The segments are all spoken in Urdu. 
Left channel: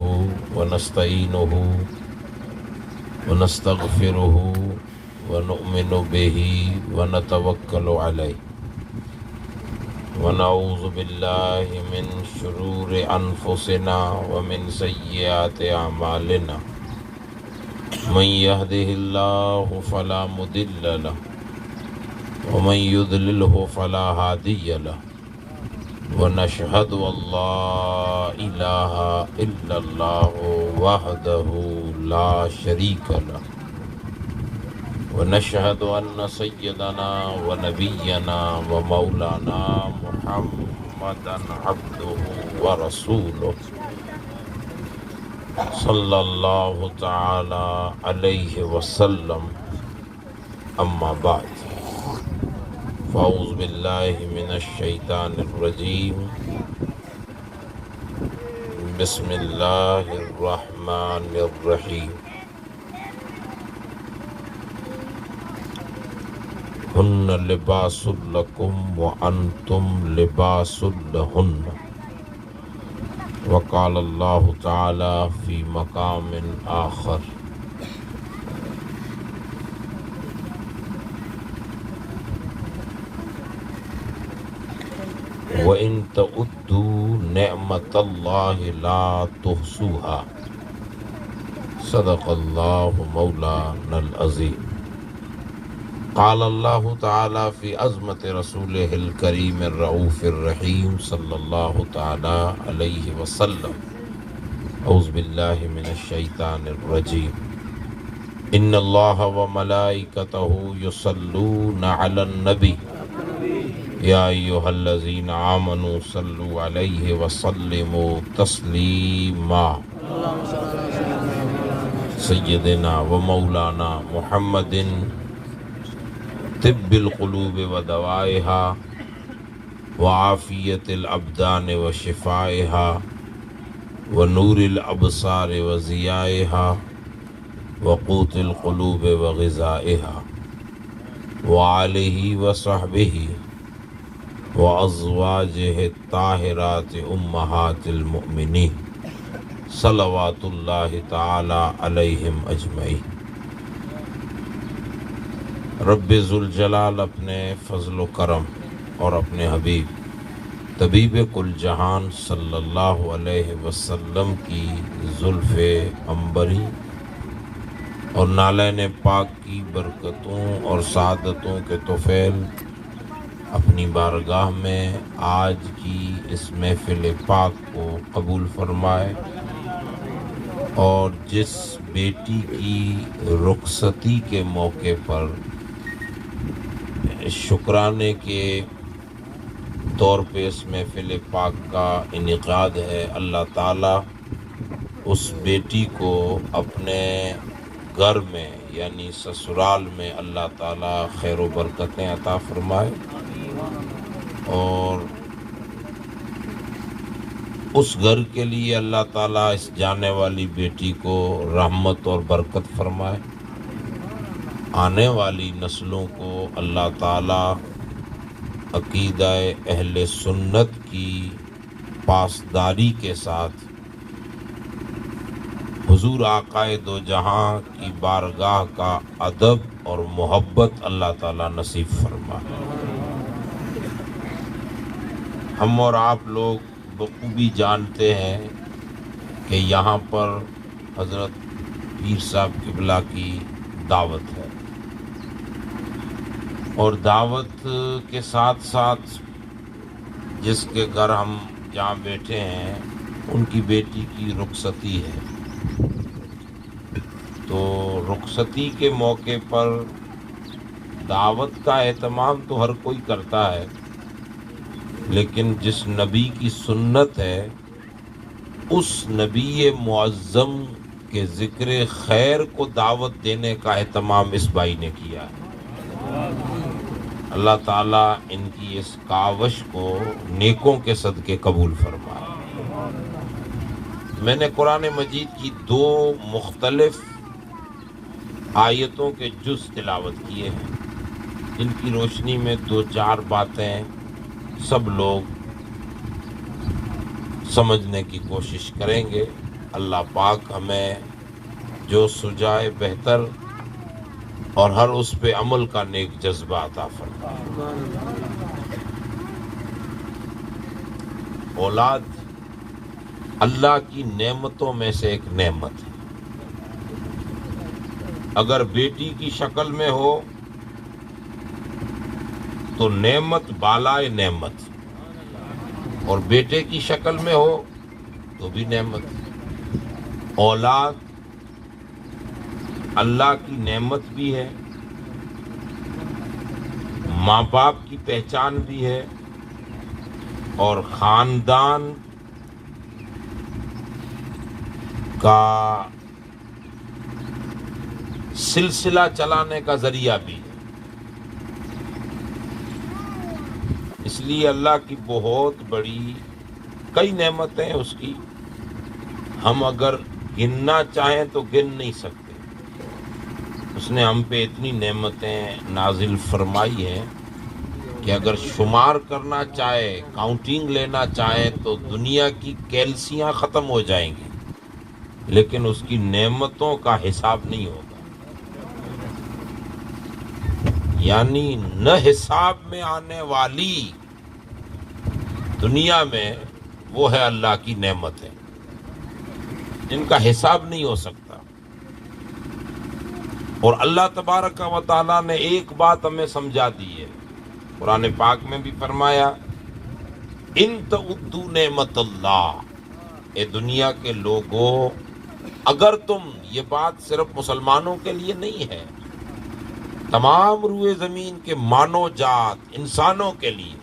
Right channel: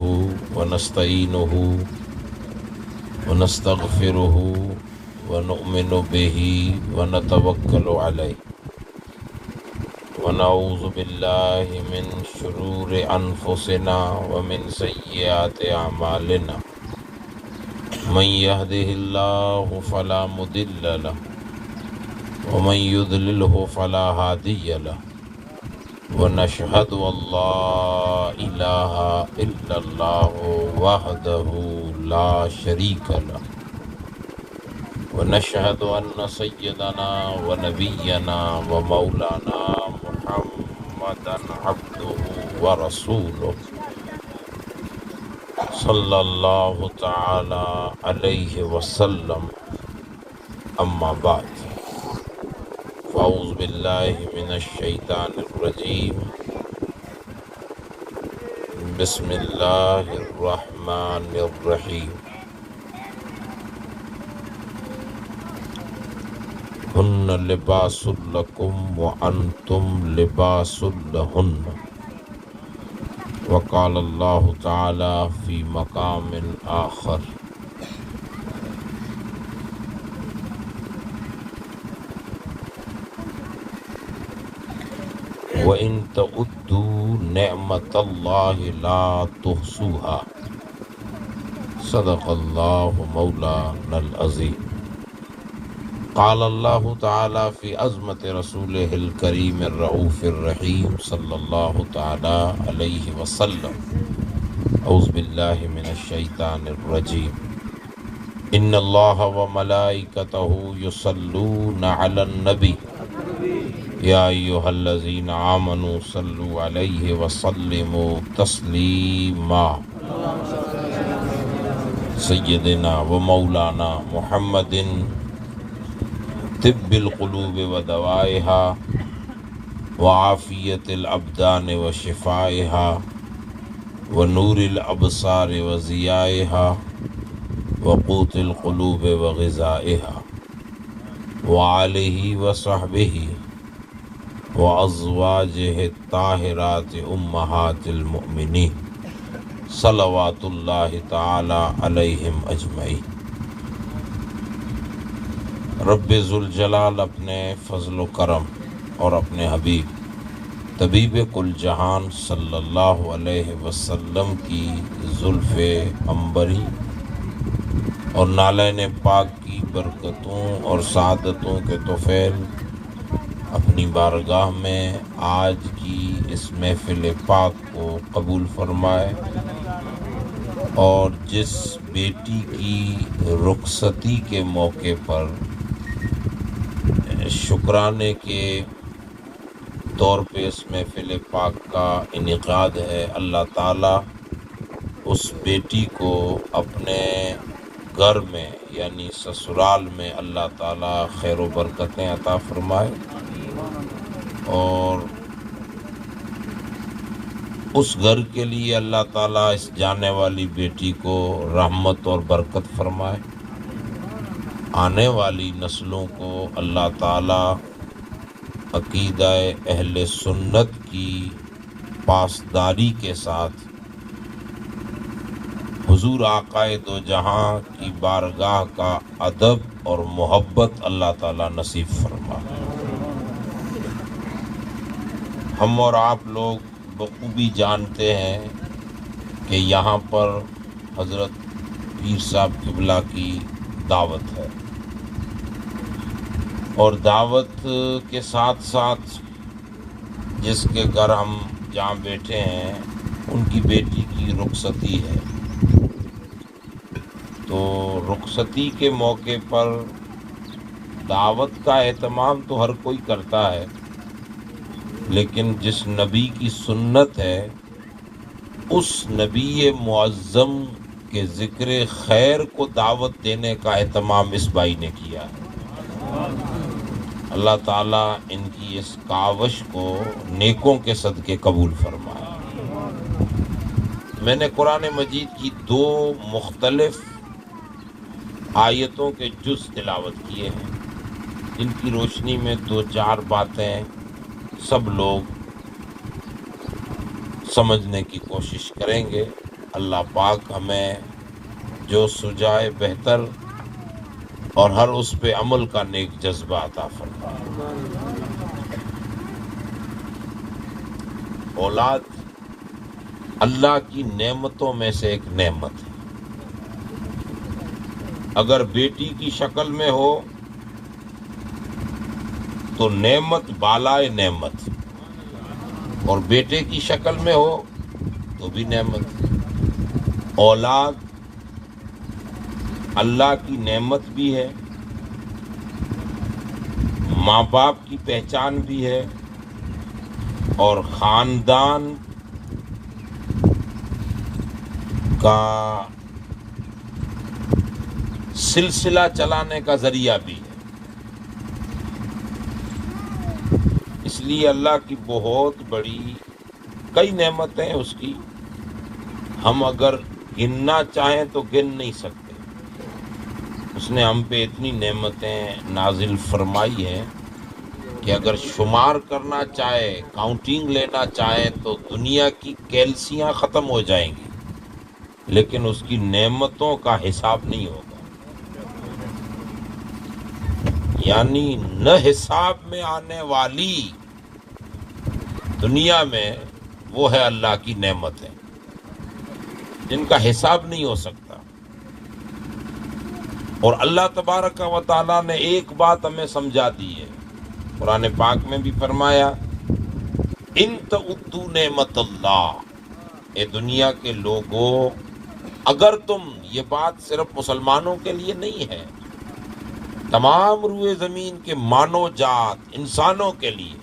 ونستعينه ونستغفره ونؤمن به ونتوكل عليه ونعوذ بالله من شرور أنفسنا ومن سيئات أعمالنا من يهده الله فلا مضل له ومن يضلله فلا هادي له ونشهد أن لا إله إلا الله وحده لا شريك له ونشهد أن سيدنا ونبينا ومولانا محمدا عبده ورسوله صلى الله تعالى عليه وسلم أما بعد فأعوذ بالله من الشيطان الرجيم بسم الله الرحمن الرحيم هن لباس لكم وأنتم لباس لهن وقال الله تعالى في مقام آخر وَإِن تَعُدُّوا نِعْمَةَ اللَّهِ لَا تُحْصُوهَا صدق الله مولانا العظيم قال الله تعالى في عظمة رسوله الكريم الرؤوف الرحيم صلى الله تعالى عليه وسلم أعوذ بالله من الشيطان الرجيم إن الله وملائكته يصلون على النبي يا أيها الذين آمنوا صلوا عليه وسلموا تسليما سيدنا ومولانا محمد طب القلوب ودوائها وعافية الأبدان وشفائها ونور الأبصار وضيائها وقوت القلوب وغذائها وعليه وصحبه وأزواجه الطاهرات أمهات المؤمنين صلوات الله تعالى عليهم أجمعين رب ذوالجلال اپنے فضل و کرم اور اپنے حبیب طبیب کل جہان صلی اللہ علیہ وسلم کی زلف عنبری اور نالین پاک کی برکتوں اور سعادتوں کے طفیل اپنی بارگاہ میں آج کی اس محفل پاک کو قبول فرمائے اور جس بیٹی کی رخصتی کے موقع پر شکرانے کے طور پہ اس محفل پاک کا انعقاد ہے، اللہ تعالیٰ اس بیٹی کو اپنے گھر میں یعنی سسرال میں اللہ تعالیٰ خیر و برکتیں عطا فرمائے اور اس گھر کے لیے اللہ تعالیٰ اس جانے والی بیٹی کو رحمت اور برکت فرمائے، آنے والی نسلوں کو اللہ تعالیٰ عقیدہ اہل سنت کی پاسداری کے ساتھ حضور آقائے دو جہاں کی بارگاہ کا ادب اور محبت اللہ تعالیٰ نصیب فرمائے۔ ہم اور آپ لوگ بخوبی جانتے ہیں کہ یہاں پر حضرت پیر صاحب قبلہ کی دعوت ہے اور دعوت کے ساتھ ساتھ جس کے گھر ہم جہاں بیٹھے ہیں ان کی بیٹی کی رخصتی ہے، تو رخصتی کے موقع پر دعوت کا اہتمام تو ہر کوئی کرتا ہے، لیکن جس نبی کی سنت ہے اس نبی معظم کے ذکر خیر کو دعوت دینے کا اہتمام اس بھائی نے کیا ہے۔ اللہ تعالیٰ ان کی اس کاوش کو نیکوں کے صدقے قبول فرمائے۔ میں نے قرآن مجید کی 2 مختلف آیتوں کے جز تلاوت کیے ہیں، ان کی روشنی میں 2-4 باتیں سب لوگ سمجھنے کی کوشش کریں گے اللہ پاک ہمیں جو سجائے بہتر اور ہر اس پہ عمل کا نیک جذبہ عطا فرمائے۔ اولاد اللہ کی نعمتوں میں سے ایک نعمت ہے۔ اگر بیٹی کی شکل میں ہو تو نعمت بالائے نعمت، اور بیٹے کی شکل میں ہو تو بھی نعمت۔ اولاد اللہ کی نعمت بھی ہے، ماں باپ کی پہچان بھی ہے، اور خاندان کا سلسلہ چلانے کا ذریعہ بھی ہے۔ اس لیے اللہ کی بہت بڑی کئی نعمتیں ہیں اس کی، ہم اگر گننا چاہیں تو گن نہیں سکتے۔ اس نے ہم پہ اتنی نعمتیں نازل فرمائی ہیں کہ اگر شمار کرنا چاہے، کاؤنٹنگ لینا چاہے تو دنیا کی کیلسیاں ختم ہو جائیں گی، لیکن اس کی نعمتوں کا حساب نہیں ہوگا۔ یعنی نہ حساب میں آنے والی دنیا میں وہ ہے اللہ کی نعمتیں جن کا حساب نہیں ہو سکتا۔ اور اللہ تبارک و تعالیٰ نے ایک بات ہمیں سمجھا دی ہے، قرآن پاک میں بھی فرمایا، ان تعدوا نعمت اللہ، اے دنیا کے لوگوں، اگر تم، یہ بات صرف مسلمانوں کے لیے نہیں ہے، تمام روئے زمین کے مانو جات، انسانوں کے لیے،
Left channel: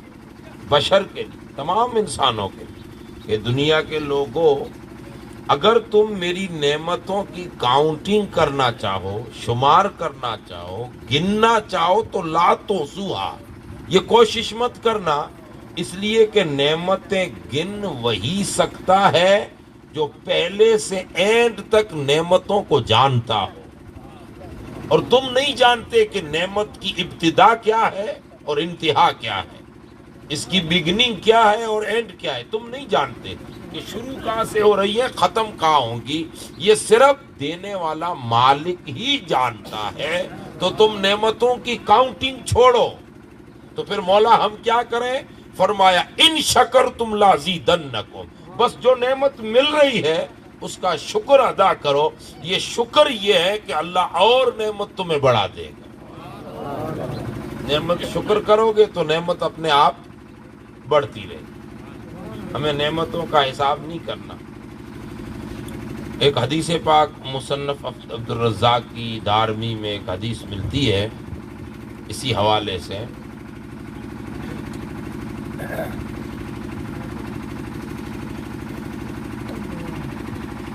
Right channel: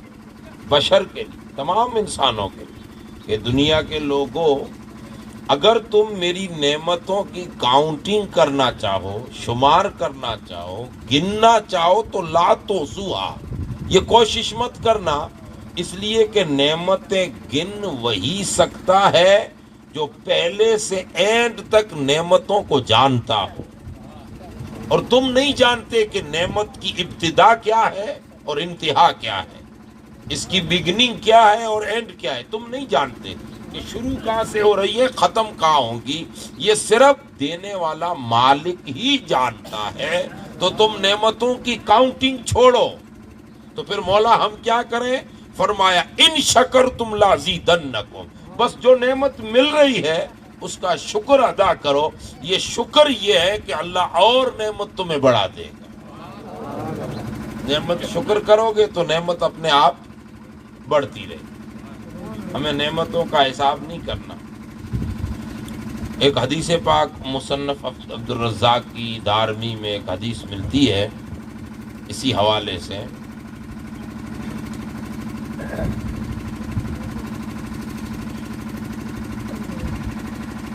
بشر کے لیے، تمام انسانوں کے لیے، کہ دنیا کے لوگوں اگر تم میری نعمتوں کی کاؤنٹنگ کرنا چاہو، شمار کرنا چاہو، گننا چاہو تو لا تحصوہا، یہ کوشش مت کرنا، اس لیے کہ نعمتیں گن وہی سکتا ہے جو پہلے سے اینڈ تک نعمتوں کو جانتا ہو، اور تم نہیں جانتے کہ نعمت کی ابتدا کیا ہے اور انتہا کیا ہے، اس کی بگننگ کیا ہے اور اینڈ کیا ہے، تم نہیں جانتے کہ شروع کہاں سے ہو رہی ہے، ختم کہاں ہوں گی، یہ صرف دینے والا مالک ہی جانتا ہے۔ تو تم نعمتوں کی کاؤنٹنگ چھوڑو۔ تو پھر مولا ہم کیا کریں؟ فرمایا ان شکرتم لازیدنکم، بس جو نعمت مل رہی ہے اس کا شکر ادا کرو۔ یہ شکر یہ ہے کہ اللہ اور نعمت تمہیں بڑھا دے گا۔ نعمت شکر کرو گے تو نعمت اپنے آپ بڑھتی رہے گی۔ ہمیں نعمتوں کا حساب نہیں کرنا۔ ایک حدیث پاک مصنف عبد الرزاق کی دارمی میں ایک حدیث ملتی ہے اسی حوالے سے،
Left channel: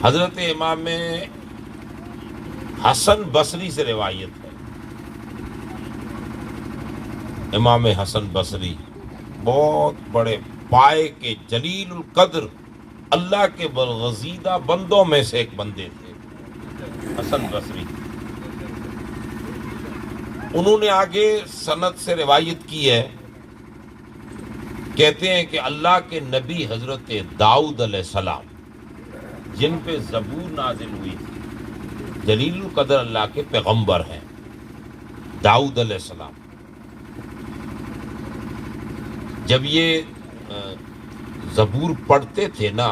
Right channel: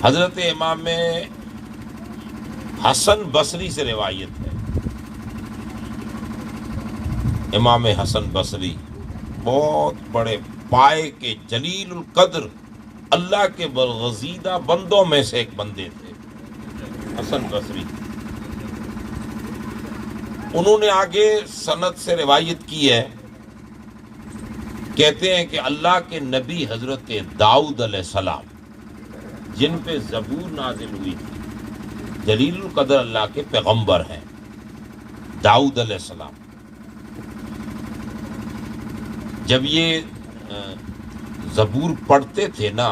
حضرت امام حسن بصری سے روایت ہے۔ امام حسن بصری بہت بڑے پائے کے جلیل القدر اللہ کے برگزیدہ بندوں میں سے ایک بندے تھے، حسن بصری۔ انہوں نے آگے سند سے روایت کی ہے، کہتے ہیں کہ اللہ کے نبی حضرت داؤد علیہ السلام جن پہ زبور نازل ہوئی تھی، جلیل القدر اللہ کے پیغمبر ہیں داؤد علیہ السلام، جب یہ زبور پڑھتے تھے نا،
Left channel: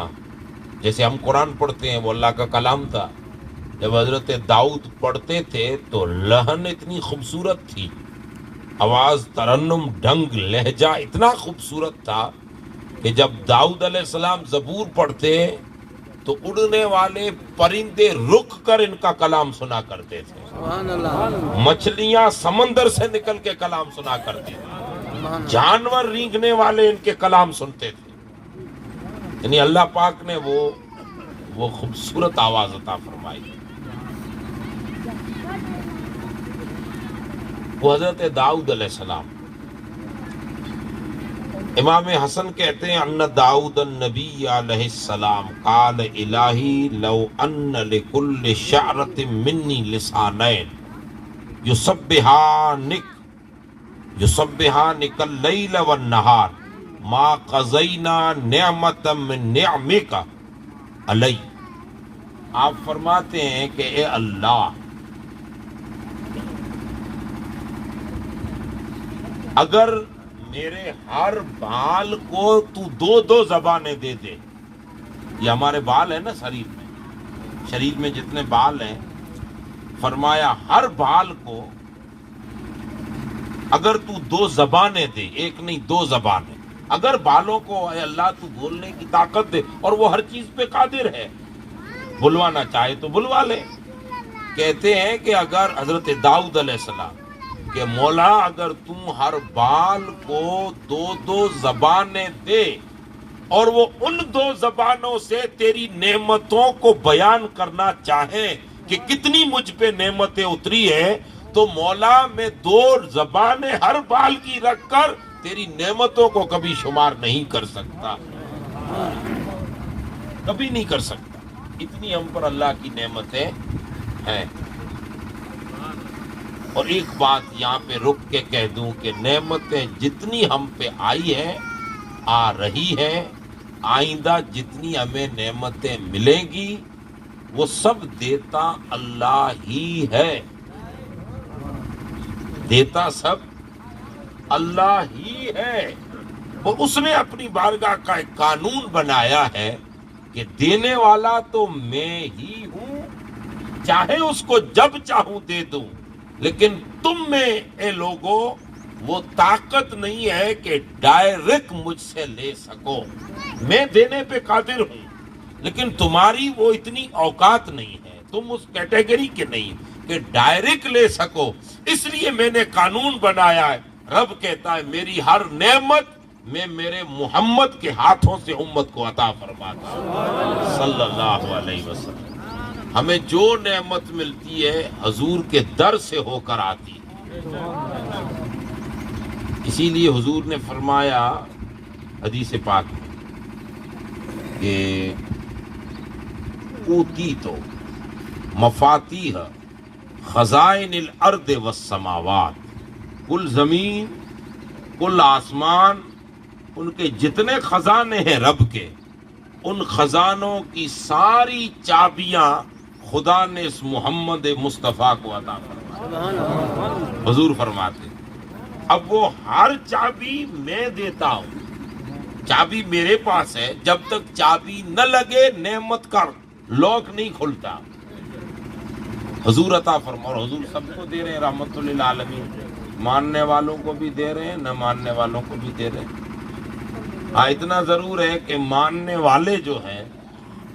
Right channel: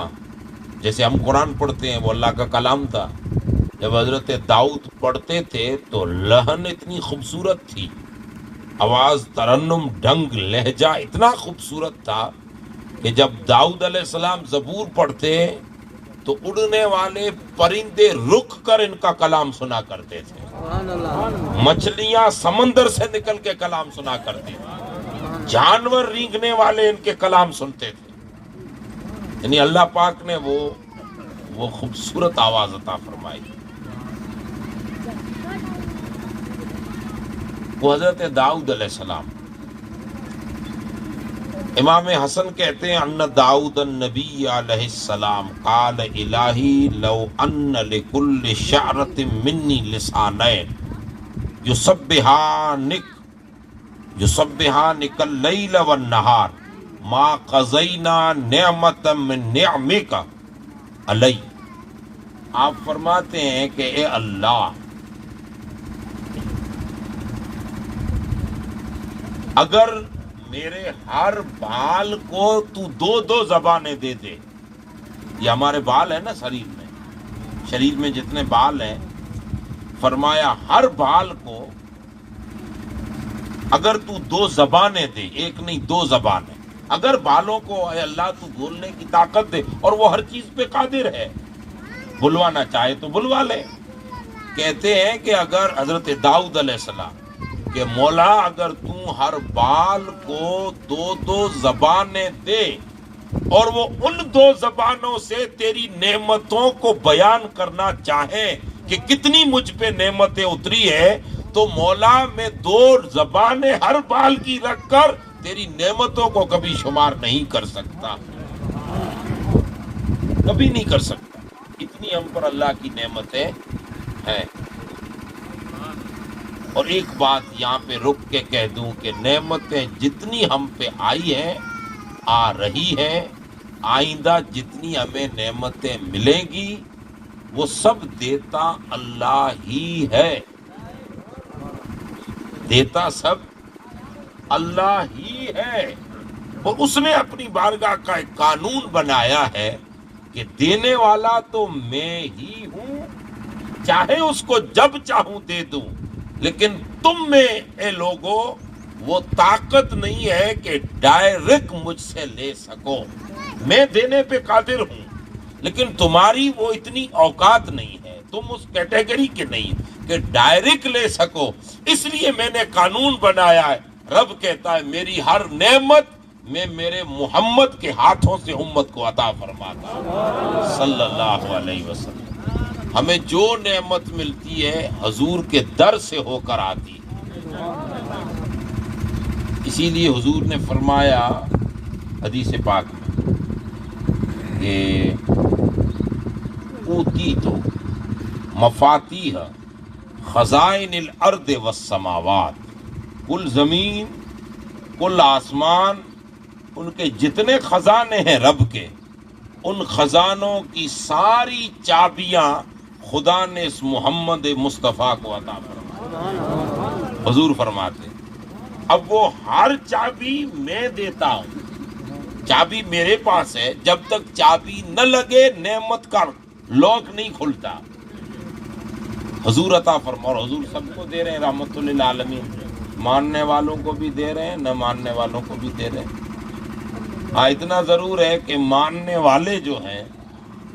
جیسے ہم قرآن پڑھتے ہیں وہ اللہ کا کلام تھا، جب حضرت داؤد پڑھتے تھے تو لہن اتنی خوبصورت تھی، آواز، ترنم، ڈھنگ، لہجہ اتنا خوبصورت تھا کہ جب داؤد علیہ السلام زبور پڑھتے تو اڑنے والے پرندے رک کر ان کا کلام سنا کرتے تھے، مچھلیاں سمندر سے نکل کے کلام سنا کرتے تھے، جانور رینگنے والے ان کے کلام سنتے تھے۔ یعنی اللہ پاک نے وہ خوبصورت آواز عطا فرمائی۔ وہ حضرت داؤد علیہ السلام۔ امام حسن کہتے ہیں ان داؤد النبی علیہ السلام قال الہی لو ان لکل شعرۃ منی لسانین یسبحانک اللیل والنہار ما قضینا نعمتا من نعمک علی آپ فرماتے ہیں کہ اے اللہ، اگر میرے ہر بال کو تو دو دو زبانیں دے دے، یہ ہمارے بال ہیں نا شریر میں جتنے بال ہیں، فرمایا ہر بال کو اگر تو دو زبانیں دے، ایک نہیں دو زبانیں، اگر بالوں کو اے اللہ تو بولنے کی طاقت دے، اور وہ ہر چیز پہ قادر ہے، بلوانا چاہے تو بلوا لے۔ کہتے ہیں کہ اگر حضرت داؤد علیہ السلام کہ مولا اگر تم ہر بال کو دو دو زبانیں دے اور وہ ان دو زبانوں سے تیری نعمتوں کو بیان کرنا چاہے کہ کتنی مجھ پہ نعمتیں اتری ہے، تو مولا میں دو زبانیں ہر بال کی رکھ کر تیری نعمتوں کو کبھی شمار نہیں کر سکتا، کبھی نہیں کر سکتا، اتنی ہم پر اللہ کی نعمتیں ہیں۔ اور ایک بات یہاں پہ رک کے کہہ دوں کہ نعمتیں جتنی ہم پہ آئی ہیں، آ رہی ہے، آئندہ جتنی ہمیں نعمتیں ملیں گی وہ سب دیتا اللہ ہی ہے، دیتا سب اللہ ہی ہے۔ وہ اس نے اپنی بارگاہ کا ایک قانون بنایا ہے کہ دینے والا تو میں ہی ہوں، چاہے اس کو جب چاہوں دے دوں، لیکن تم میں اے لوگوں وہ طاقت نہیں ہے کہ ڈائریکٹ مجھ سے لے سکو۔ میں دینے پہ قادر ہوں، لیکن تمہاری وہ اتنی اوقات نہیں ہے، تم اس کیٹیگری کے نہیں کہ ڈائریکٹ لے سکو، اس لیے میں نے قانون بنایا ہے۔ رب کہتا ہے میری ہر نعمت میں میرے محمد کے ہاتھوں سے امت کو عطا فرماتا ہوں صلی اللہ علیہ وسلم۔ ہمیں جو نعمت ملتی ہے حضور کے در سے ہو کر آتی ہے، اسی لیے حضور نے فرمایا حدیث پاک میں کہ اوتیت مفاتیح خزائن الارض والسماوات، کل زمین کل آسمان ان کے جتنے خزانے ہیں رب کے، ان خزانوں کی ساری چابیاں خدا نے اس محمد مصطفیٰ کو عطا فرمائی۔ حضور فرماتے اب وہ ہر چابی میں دیتا ہوں، چابی میرے پاس ہے، جب تک چابی نہ لگے نعمت کا لاک نہیں کھلتا۔ حضور عطا فرما، اور حضور سب کو دے رہے ہیں رحمت للعالمین، ماننے والوں کو بھی دے رہے ہیں، نہ ماننے والوں کو بھی دے رہے ہیں۔ ہاں اتنا ضرور ہے کہ ماننے والے جو ہیں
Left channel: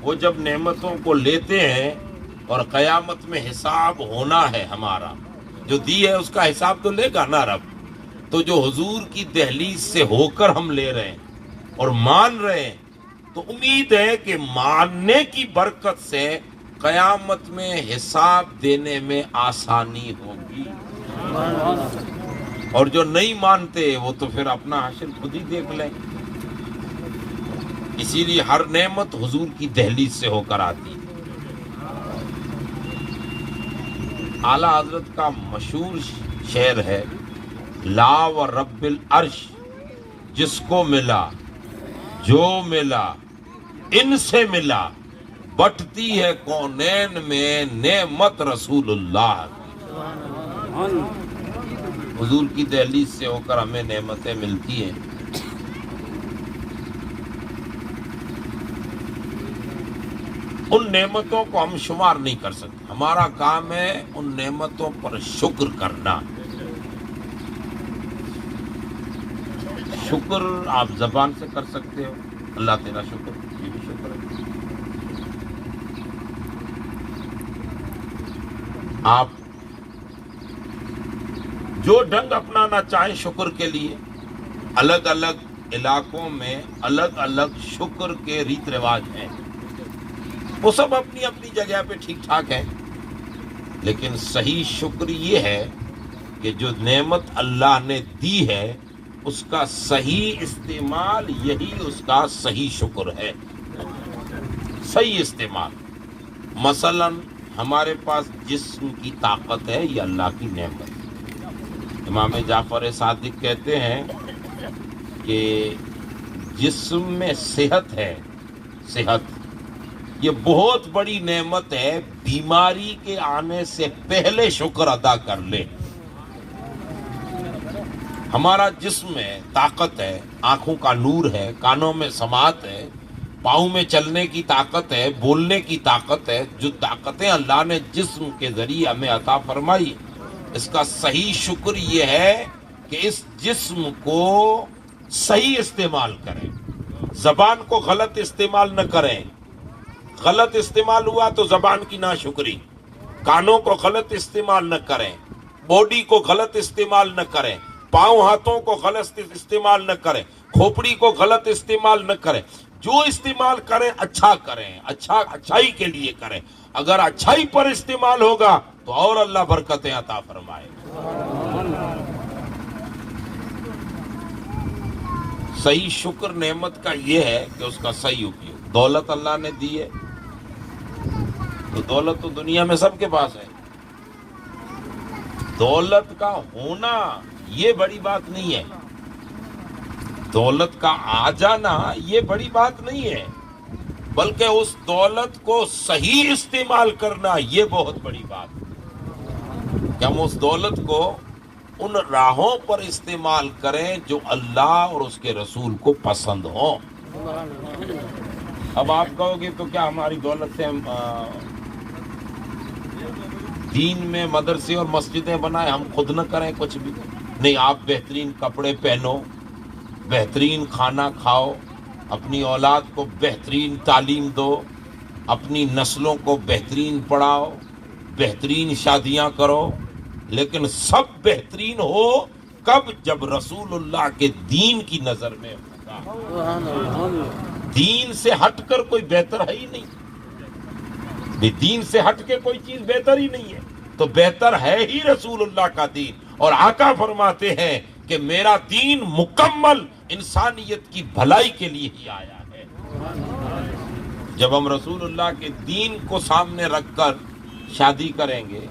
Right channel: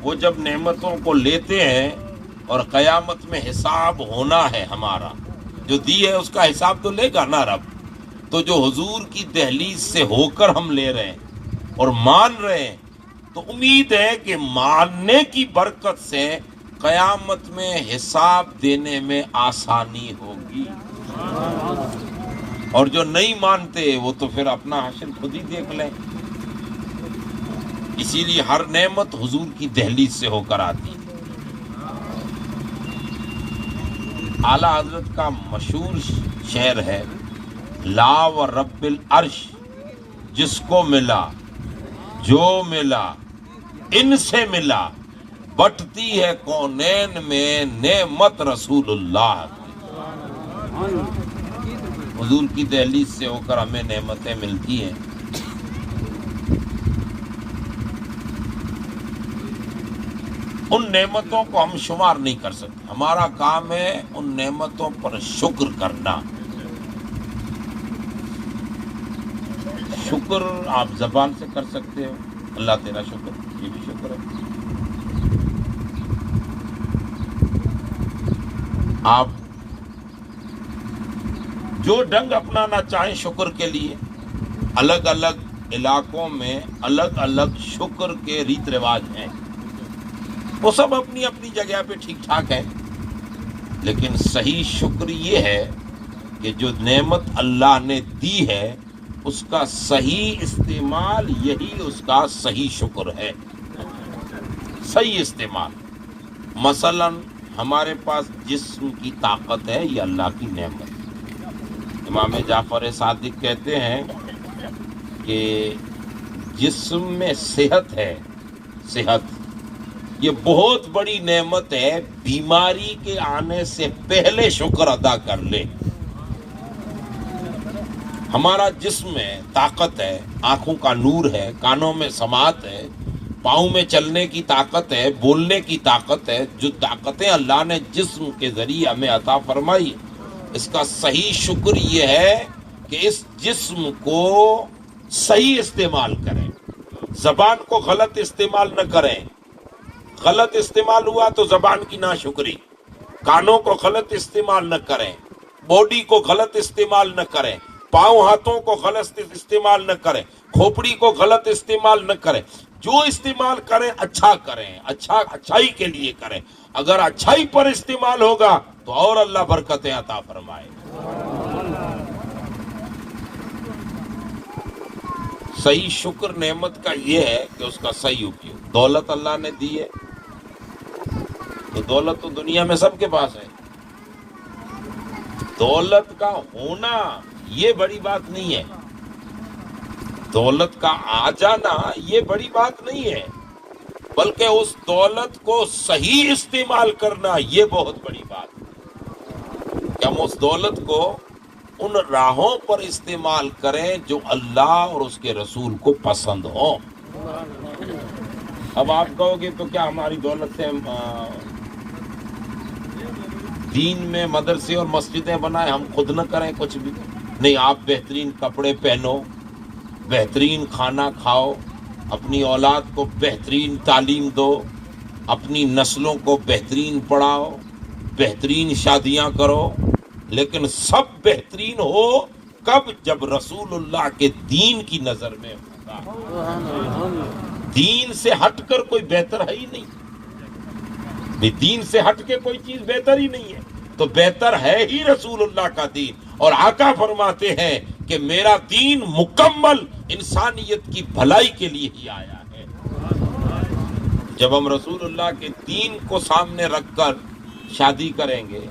وہ جب نعمتوں کو لیتے ہیں اور قیامت میں حساب ہونا ہے، ہمارا جو دی ہے اس کا حساب تو لے گا نا رب، تو جو حضور کی دہلیز سے ہو کر ہم لے رہے ہیں اور مان رہے ہیں، تو امید ہے کہ ماننے کی برکت سے قیامت میں حساب دینے میں آسانی ہوگی، اور جو نہیں مانتے وہ تو پھر اپنا حشر خود ہی دیکھ لیں۔ اسی لیے ہر نعمت حضور کی دہلیز سے ہو کر آتی۔ اعلیٰ حضرت کا مشہور شعر ہے، لا و رب العرش جس کو ملا جو ملا ان سے ملا، بٹتی ہے کونین میں نعمت رسول اللہ۔ حضور کی دہلیز سے ہو کر ہمیں نعمتیں ملتی ہیں۔ ان نعمتوں کو ہم شمار نہیں کر سکتے، ہمارا کام ہے ان نعمتوں پر شکر کرنا۔ شکر آپ زبان سے کر سکتے ہو، اللہ تیرا شکر، یہ بھی شکر ہے۔ آپ جو ڈھنگ اپنانا چاہیں شکر کے لیے، الگ الگ علاقوں میں الگ الگ شکر کے ریت رواج ہیں، وہ سب اپنی اپنی جگہ پہ ٹھیک ٹھاک ہیں، لیکن صحیح شکر یہ ہے کہ جو نعمت اللہ نے دی ہے اس کا صحیح استعمال، یہی اس کا صحیح شکر ہے، صحیح استعمال۔ مثلا ہمارے پاس جسم کی طاقت ہے، یہ اللہ کی نعمت ہے۔ امام جعفر صادق کہتے ہیں کہ جسم میں صحت ہے، صحت یہ بہت بڑی نعمت ہے. بیماری کے آنے سے پہلے شکر ادا کر لے. ہمارا جسم ہے، طاقت ہے، آنکھوں کا نور ہے، کانوں میں سماعت ہے، پاؤں میں چلنے کی طاقت ہے، بولنے کی طاقت ہے. جو طاقتیں اللہ نے جسم کے ذریعے ہمیں عطا فرمائی، اس کا صحیح شکر یہ ہے کہ اس جسم کو صحیح استعمال کریں. زبان کو غلط استعمال نہ کریں. غلط استعمال ہوا تو زبان کی ناشکری. کانوں کو غلط استعمال نہ کریں. باڈی کو غلط استعمال نہ کریں. پاؤں ہاتھوں کو غلط استعمال نہ کریں. کھوپڑی کو غلط استعمال نہ کریں. جو استعمال کریں اچھا کریں، اچھائی کے لیے کریں. اگر اچھائی پر استعمال ہوگا تو اور اللہ برکتیں عطا فرمائے. صحیح شکر نعمت کا یہ ہے کہ اس کا صحیح اپیوگ. دولت اللہ نے دی ہے تو دولت تو دنیا میں سب کے پاس ہے. دولت کا ہونا یہ بڑی بات نہیں ہے. دولت کا آ جانا یہ بڑی بات نہیں ہے، بلکہ اس دولت کو صحیح استعمال کرنا یہ بہت بڑی بات ہے. کہ ہم اس دولت کو ان راہوں پر استعمال کریں جو اللہ اور اس کے رسول کو پسند ہوں. اب آپ کہو گے تو کیا ہماری دولت سے دین میں مدرسے اور مسجدیں بنائیں، ہم خود نہ کریں کچھ بھی؟ نہیں، آپ بہترین کپڑے پہنو، بہترین کھانا کھاؤ، اپنی اولاد کو بہترین تعلیم دو، اپنی نسلوں کو بہترین پڑھاؤ، بہترین شادیاں کرو. لیکن سب بہترین ہو کب؟ جب رسول اللہ کے دین کی نظر میں ہوگا. دین سے ہٹ کر کوئی بہتر ہے ہی نہیں. دین سے ہٹ کے کوئی چیز بہتر ہی نہیں ہے. تو بہتر ہے ہی رسول اللہ کا دین. اور آقا فرماتے ہیں کہ میرا دین مکمل انسانیت کی بھلائی کے لیے ہی آیا ہے. جب ہم رسول اللہ کے دین کو سامنے رکھ کر شادی کریں گے،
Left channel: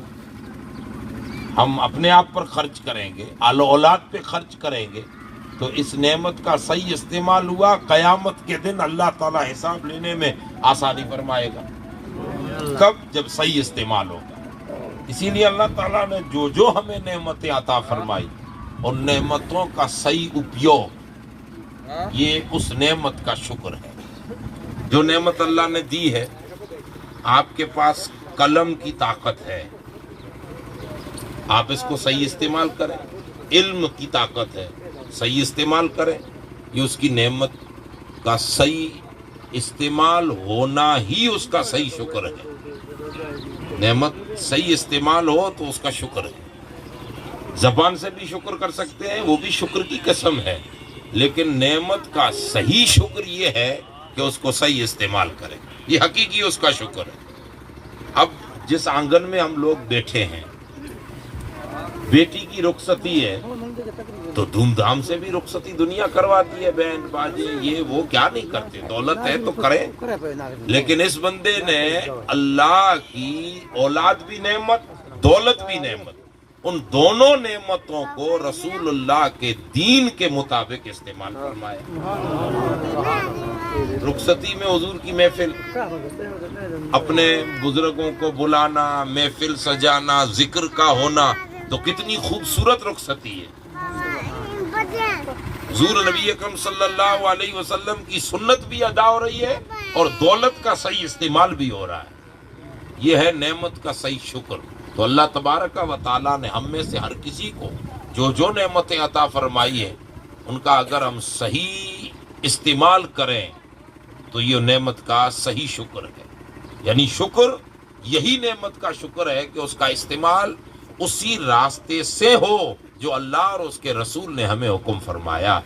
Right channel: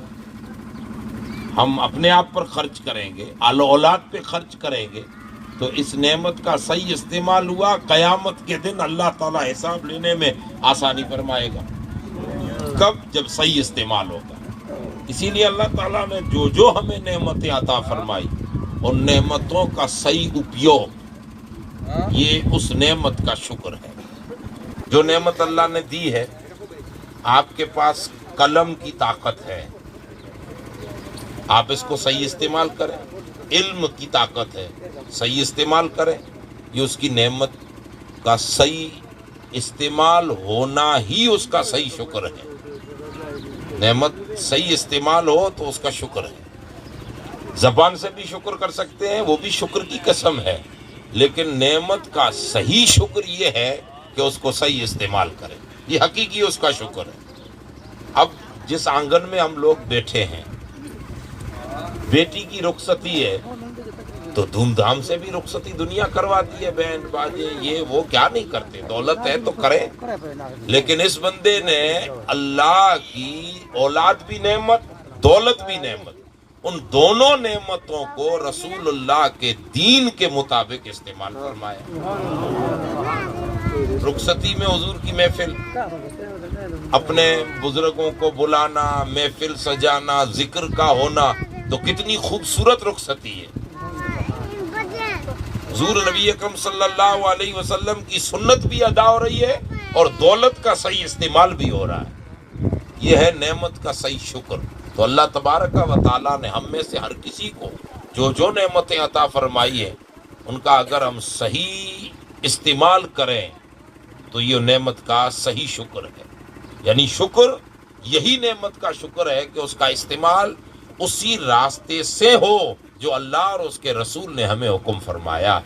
ہم اپنے آپ پر خرچ کریں گے، آل اولاد پہ خرچ کریں گے، تو اس نعمت کا صحیح استعمال ہوا. قیامت کے دن اللہ تعالیٰ حساب لینے میں آسانی فرمائے گا. کب؟ جب صحیح استعمال ہوگا. اسی لیے اللہ تعالیٰ نے جو ہمیں نعمتیں عطا فرمائی، ان نعمتوں کا صحیح اپیوگ یہ اس نعمت کا شکر ہے. جو نعمت اللہ نے دی ہے، آپ کے پاس قلم کی طاقت ہے، آپ اس کو صحیح استعمال کریں. علم کی طاقت ہے، صحیح استعمال کریں. یہ اس کی نعمت کا صحیح استعمال ہونا ہی اس کا صحیح شکر ہے. نعمت صحیح استعمال ہو تو اس کا شکر ہے. زبان سے بھی شکر کر سکتے ہیں، وہ بھی شکر کی قسم ہے، لیکن نعمت کا صحیح شکر یہ ہے کہ اس کو صحیح استعمال کریں. یہ حقیقی اس کا شکر ہے. اب جس آنگن میں ہم لوگ بیٹھے ہیں، بیٹی کی رخصتی ہے تو دھوم دھام سے بھی رخصتی دنیا کرواتی ہے. بہن باجے یہ وہ کیا نہیں کرتے؟ دولت ہے تو کریں. لیکن اس بندے نے اللہ کی اولاد بھی نعمت، دولت بھی نعمت، ان دونوں نعمتوں کو رسول اللہ کے دین کے مطابق استعمال فرمایا. رخصتی میں حضور کی محفل، اپنے بزرگوں کو بلانا، محفل سجانا، ذکر کا ہونا، تو کتنی خوبصورت رخصتی ہے. حضور نبی اکرم صلی اللہ علیہ وسلم کی سنت بھی ادا ہو رہی ہے اور دولت کا صحیح استعمال بھی ہو رہا ہے. یہ ہے نعمت کا صحیح شکر. تو اللہ تبارک و تعالیٰ نے ہم میں سے ہر کسی کو جو نعمتیں عطا فرمائی ہیں، ان کا اگر ہم صحیح استعمال کریں تو یہ نعمت کا صحیح شکر ہے. یعنی شکر یہی نعمت کا شکر ہے کہ اس کا استعمال اسی راستے سے ہو جو اللہ اور اس کے رسول نے ہمیں حکم فرمایا.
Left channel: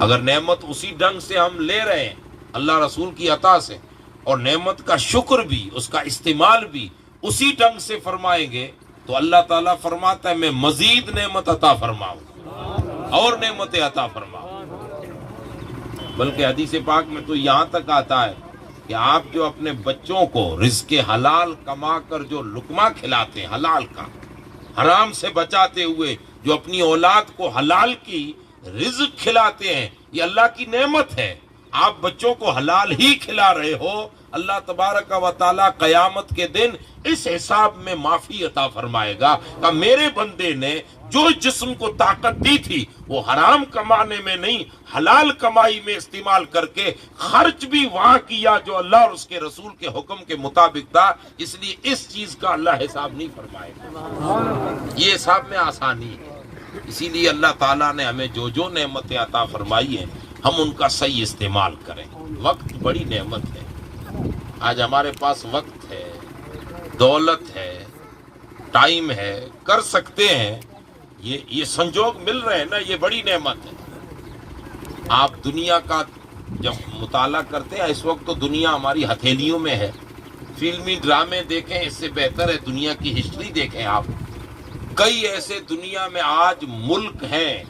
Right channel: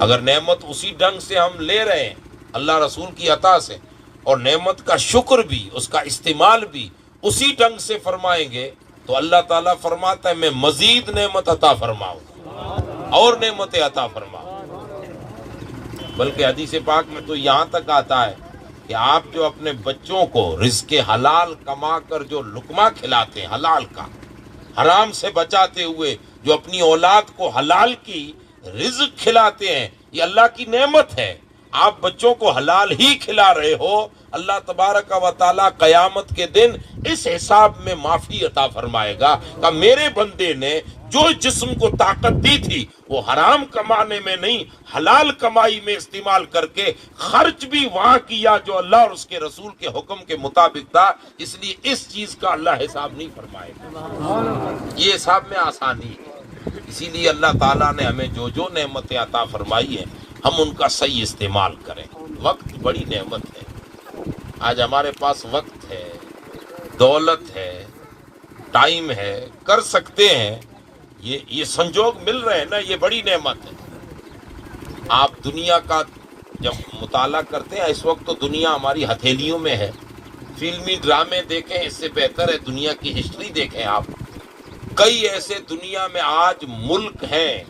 اگر نعمت اسی ڈھنگ سے ہم لے رہے ہیں اللہ رسول کی عطا سے، اور نعمت کا شکر بھی، اس کا استعمال بھی اسی ڈھنگ سے فرمائیں گے، تو اللہ تعالیٰ فرماتا ہے میں مزید نعمت عطا فرماؤں اور نعمتیں عطا فرماؤں. بلکہ حدیث پاک میں تو یہاں تک آتا ہے کہ آپ جو اپنے بچوں کو رزق حلال کما کر جو لقمہ کھلاتے ہیں، حلال کا، حرام سے بچاتے ہوئے جو اپنی اولاد کو حلال کی رزق کھلاتے ہیں، یہ اللہ کی نعمت ہے. آپ بچوں کو حلال ہی کھلا رہے ہو اللہ تبارک و تعالی قیامت کے دن اس حساب میں معافی عطا فرمائے گا کہ میرے بندے نے جو جسم کو طاقت دی تھی وہ حرام کمانے میں نہیں حلال کمائی میں استعمال کر کے خرچ بھی وہاں کیا جو اللہ اور اس کے رسول کے حکم کے مطابق تھا، اس لیے اس چیز کا اللہ حساب نہیں فرمائے گا، یہ حساب میں آسانی ہے۔ اسی لیے اللہ تعالیٰ نے ہمیں جو جو نعمتیں عطا فرمائی ہیں ہم ان کا صحیح استعمال کریں۔ وقت بڑی نعمت ہے، آج ہمارے پاس وقت ہے، دولت ہے، ٹائم ہے، کر سکتے ہیں، یہ سنجوگ مل رہے ہیں نا، یہ بڑی نعمت ہے۔ آپ دنیا کا جب مطالعہ کرتے ہیں، اس وقت تو دنیا ہماری ہتھیلیوں میں ہے، فلمی ڈرامے دیکھیں، اس سے بہتر ہے دنیا کی ہسٹری دیکھیں۔ آپ کئی ایسے دنیا میں آج ملک ہیں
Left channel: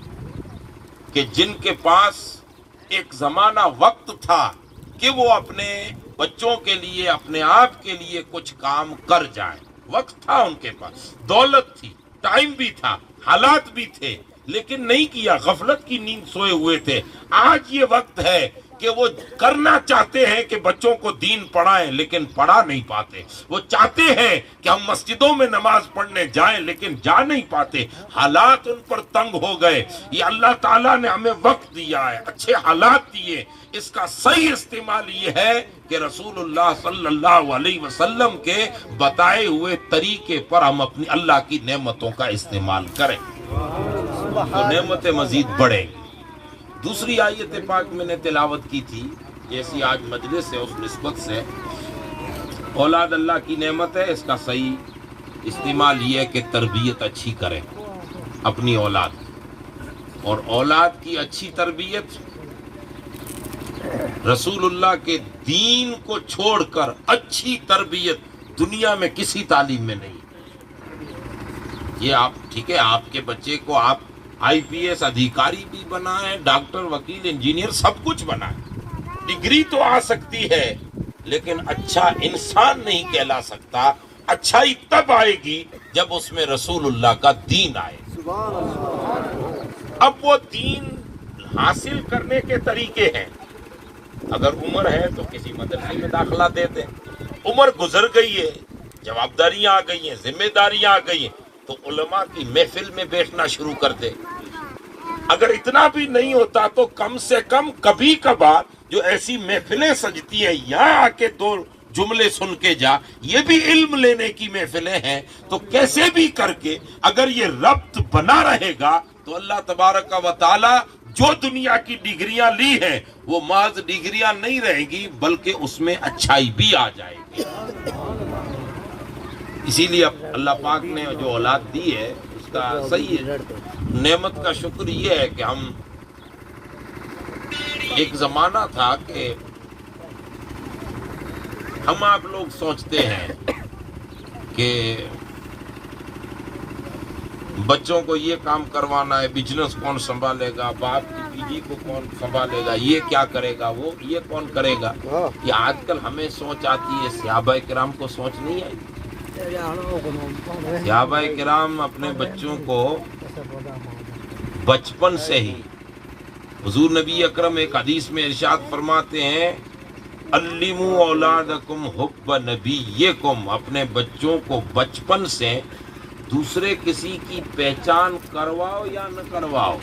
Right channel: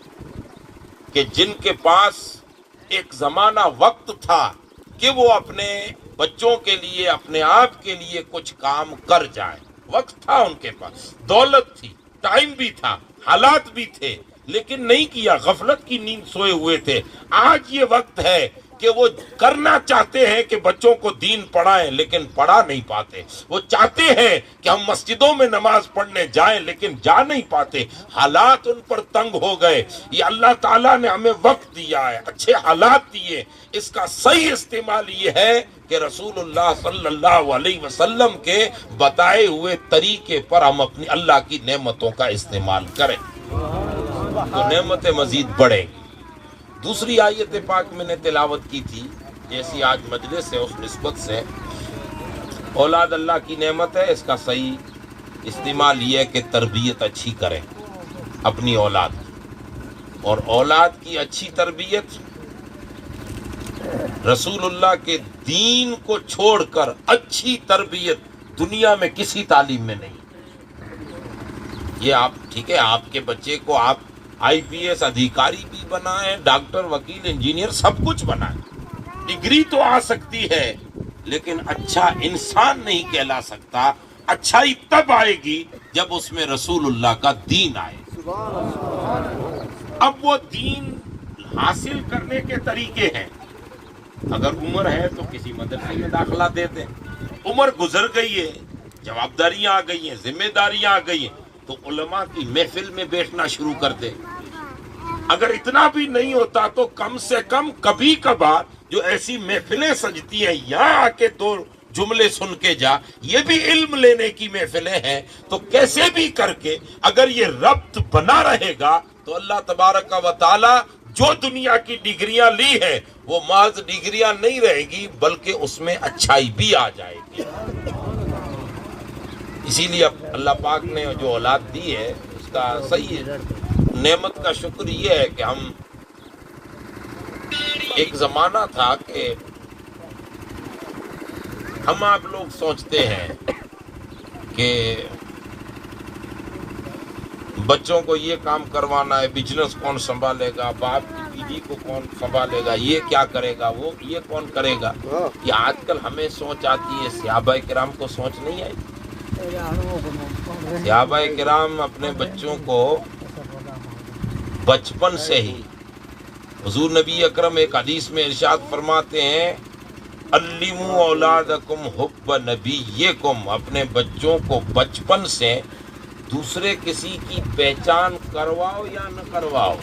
کہ جن کے پاس ایک زمانہ وقت تھا کہ وہ اپنے بچوں کے لیے، اپنے آپ کے لیے کچھ کام کر جائیں، وقت تھا ان کے پاس، دولت تھی، ٹائم بھی تھا، حالات بھی تھے، لیکن نہیں کیا، غفلت کی نیند سوئے ہوئے تھے۔ آج یہ وقت ہے کہ وہ کرنا چاہتے ہیں کہ بچوں کو دین پڑھائیں لیکن پڑھا نہیں پاتے، وہ چاہتے ہیں کہ ہم مسجدوں میں نماز پڑھنے جائیں لیکن جا نہیں پاتے، حالات ان پر تنگ ہو گئے۔ یہ اللہ تعالیٰ نے ہمیں وقت دیا ہے، اچھے حالات دیے، اس کا صحیح استعمال یہ ہے کہ رسول اللہ صلی اللہ علیہ وسلم کے بتائے ہوئے طریقے پر ہم اپنی اللہ کی نعمتوں کا استعمال کریں تو نعمتیں مزید بڑھیں گی۔ دوسری آیت پاک میں نے تلاوت کی تھی، جیسی آج مجلس ہے اس نسبت سے، اولاد اللہ کی نعمت ہے، اس کا صحیح استعمال یہ ہے کہ تربیت اچھی کریں اپنی اولاد کی، اور اولاد کی اچھی تربیت رسول اللہ کے دین کو چھوڑ کر اچھی تربیت دنیا میں کسی تعلیم میں نہیں۔ یہ آپ ٹھیک ہے، آپ کے بچے کو آپ آئی پی ایس ادھیکاری بھی بنائیں، ڈاکٹر، وکیل، انجینئر، سب کچھ بنائیں، ڈگری تو آ سکتی ہے لیکن اچھا انسان نہیں کہلا سکتا۔ اچھائی تب آئے گی جب اس میں رسول اللہ کا دین آئے۔ اب وہ دین حاصل کرنے کے طریقے ہیں، اگر عمر ہے تو کسی مدرسے میں داخلہ دے دیں، عمر گزر گئی ہے، جوابداریاں آ گئی ہیں، ذمہ داریاں آ گئی ہیں، تو علماء کی محفل میں بیٹھنا شروع کر دے۔ اگر اتنا بھی نہیں ہوتا تو کم سے کم کبھی کبھار جو ایسی محفلیں سجتی ہیں، یہاں آ کے دو جملے سن کے جا، یہ بھی علم لینے کی محفلیں ہیں، تو کیسے بھی کر کے اگر یہ ربط بنا رہے گا تو اللہ تبارک و تعالی جو دنیا کی ڈگریاں لی ہیں وہ محض ڈگریاں نہیں رہیں گی بلکہ اس میں اچھائی بھی آ جائے گی۔ اسی لیے اللہ پاک نے جو اولاد دی ہے اس کا صحیح نعمت کا شکر یہ ہے کہ ہم، ایک زمانہ تھا کہ ہم آپ لوگ سوچتے ہیں کہ بچوں کو یہ کام کروانا ہے، بزنس کون سنبھالے گا، باپ کی بیوی کو کون سنبھالے گا، یہ کیا کرے گا، وہ یہ کون کرے گا۔ یہ آج کل ہمیں سوچ آتی ہے، صحابہ کرام کو سوچ نہیں ہے۔ صحابہ کرام اپنے بچوں کو بچپن سے ہی، حضور نبی اکرم ایک حدیث میں ارشاد فرماتے ہیں، علموا اولادکم حب نبیکم، اپنے بچوں کو بچپن سے دوسرے کسی کی پہچان کرواؤ یا نہ کرواؤ،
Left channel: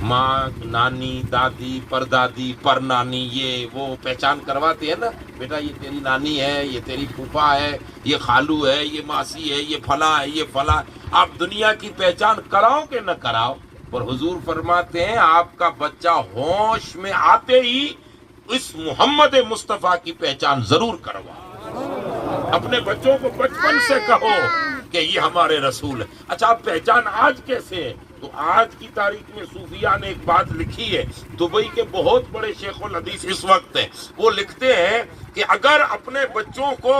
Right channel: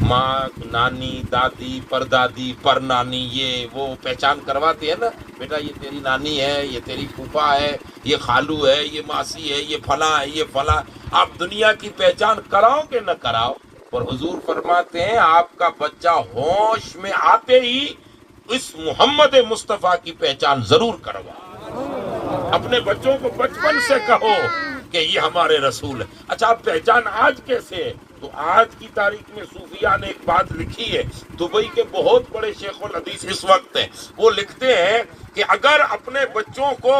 ماں، نانی، دادی، پردادی، پرنانی، یہ وہ پہچان کرواتے ہیں نا، بیٹا یہ تیری نانی ہے، یہ تیری پھوپھا ہے، یہ خالو ہے، یہ ماسی ہے، یہ فلاں ہے، یہ فلاں۔ آپ دنیا کی پہچان کراؤ کہ نہ کراؤ، پر حضور فرماتے ہیں آپ کا بچہ ہوش میں آتے ہی اس محمد مصطفیٰ کی پہچان ضرور کرواؤ۔ اپنے بچوں کو بچپن سے کہو کہ یہ ہمارے رسول ہے۔ اچھا، اب پہچان آج کیسے ہے؟ تو آج کی تاریخ میں صوفیاء نے ایک بات لکھی ہے، دبئی کے بہت بڑے شیخ الحدیث اس وقت ہیں، وہ لکھتے ہیں کہ اگر اپنے بچوں کو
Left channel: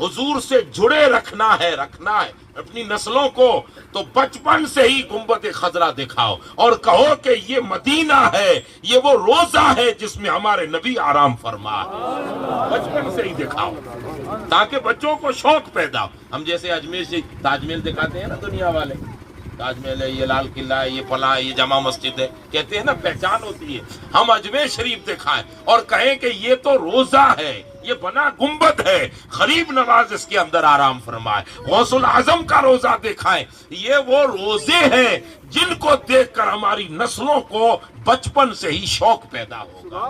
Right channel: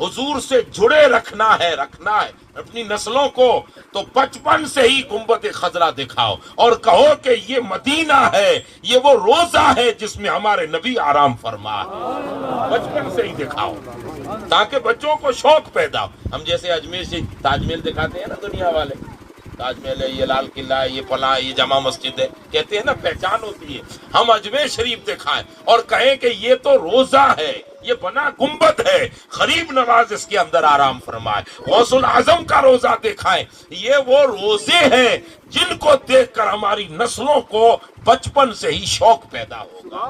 حضور سے جڑے رکھنا ہے اپنی نسلوں کو، تو بچپن سے ہی گنبد خضرا دکھاؤ اور کہو کہ یہ مدینہ ہے، یہ وہ روزہ ہے جس میں ہمارے نبی آرام فرما ہے۔ بچپن سے ہی دکھاؤ تاکہ بچوں کو شوق پیدا ہو۔ ہم جیسے اجمیر سے تاج محل دکھاتے ہیں نا دنیا والے، تاج محل ہے، یہ لال قلعہ ہے، یہ فلاں، یہ جامع مسجد ہے، کہتے ہیں نا پہچان ہوتی ہے۔ ہم اجمیر شریف دکھائیں اور کہیں کہ یہ تو روزہ ہے، یہ بنا گنبد ہے، غریب نواز اس کے اندر آرام فرمائے، غوث العظم کا روزہ دکھائیں۔ یہ وہ روزے ہیں جن کو دیکھ کر ہماری نسلوں کو بچپن سے ہی شوق پیدا ہوگا،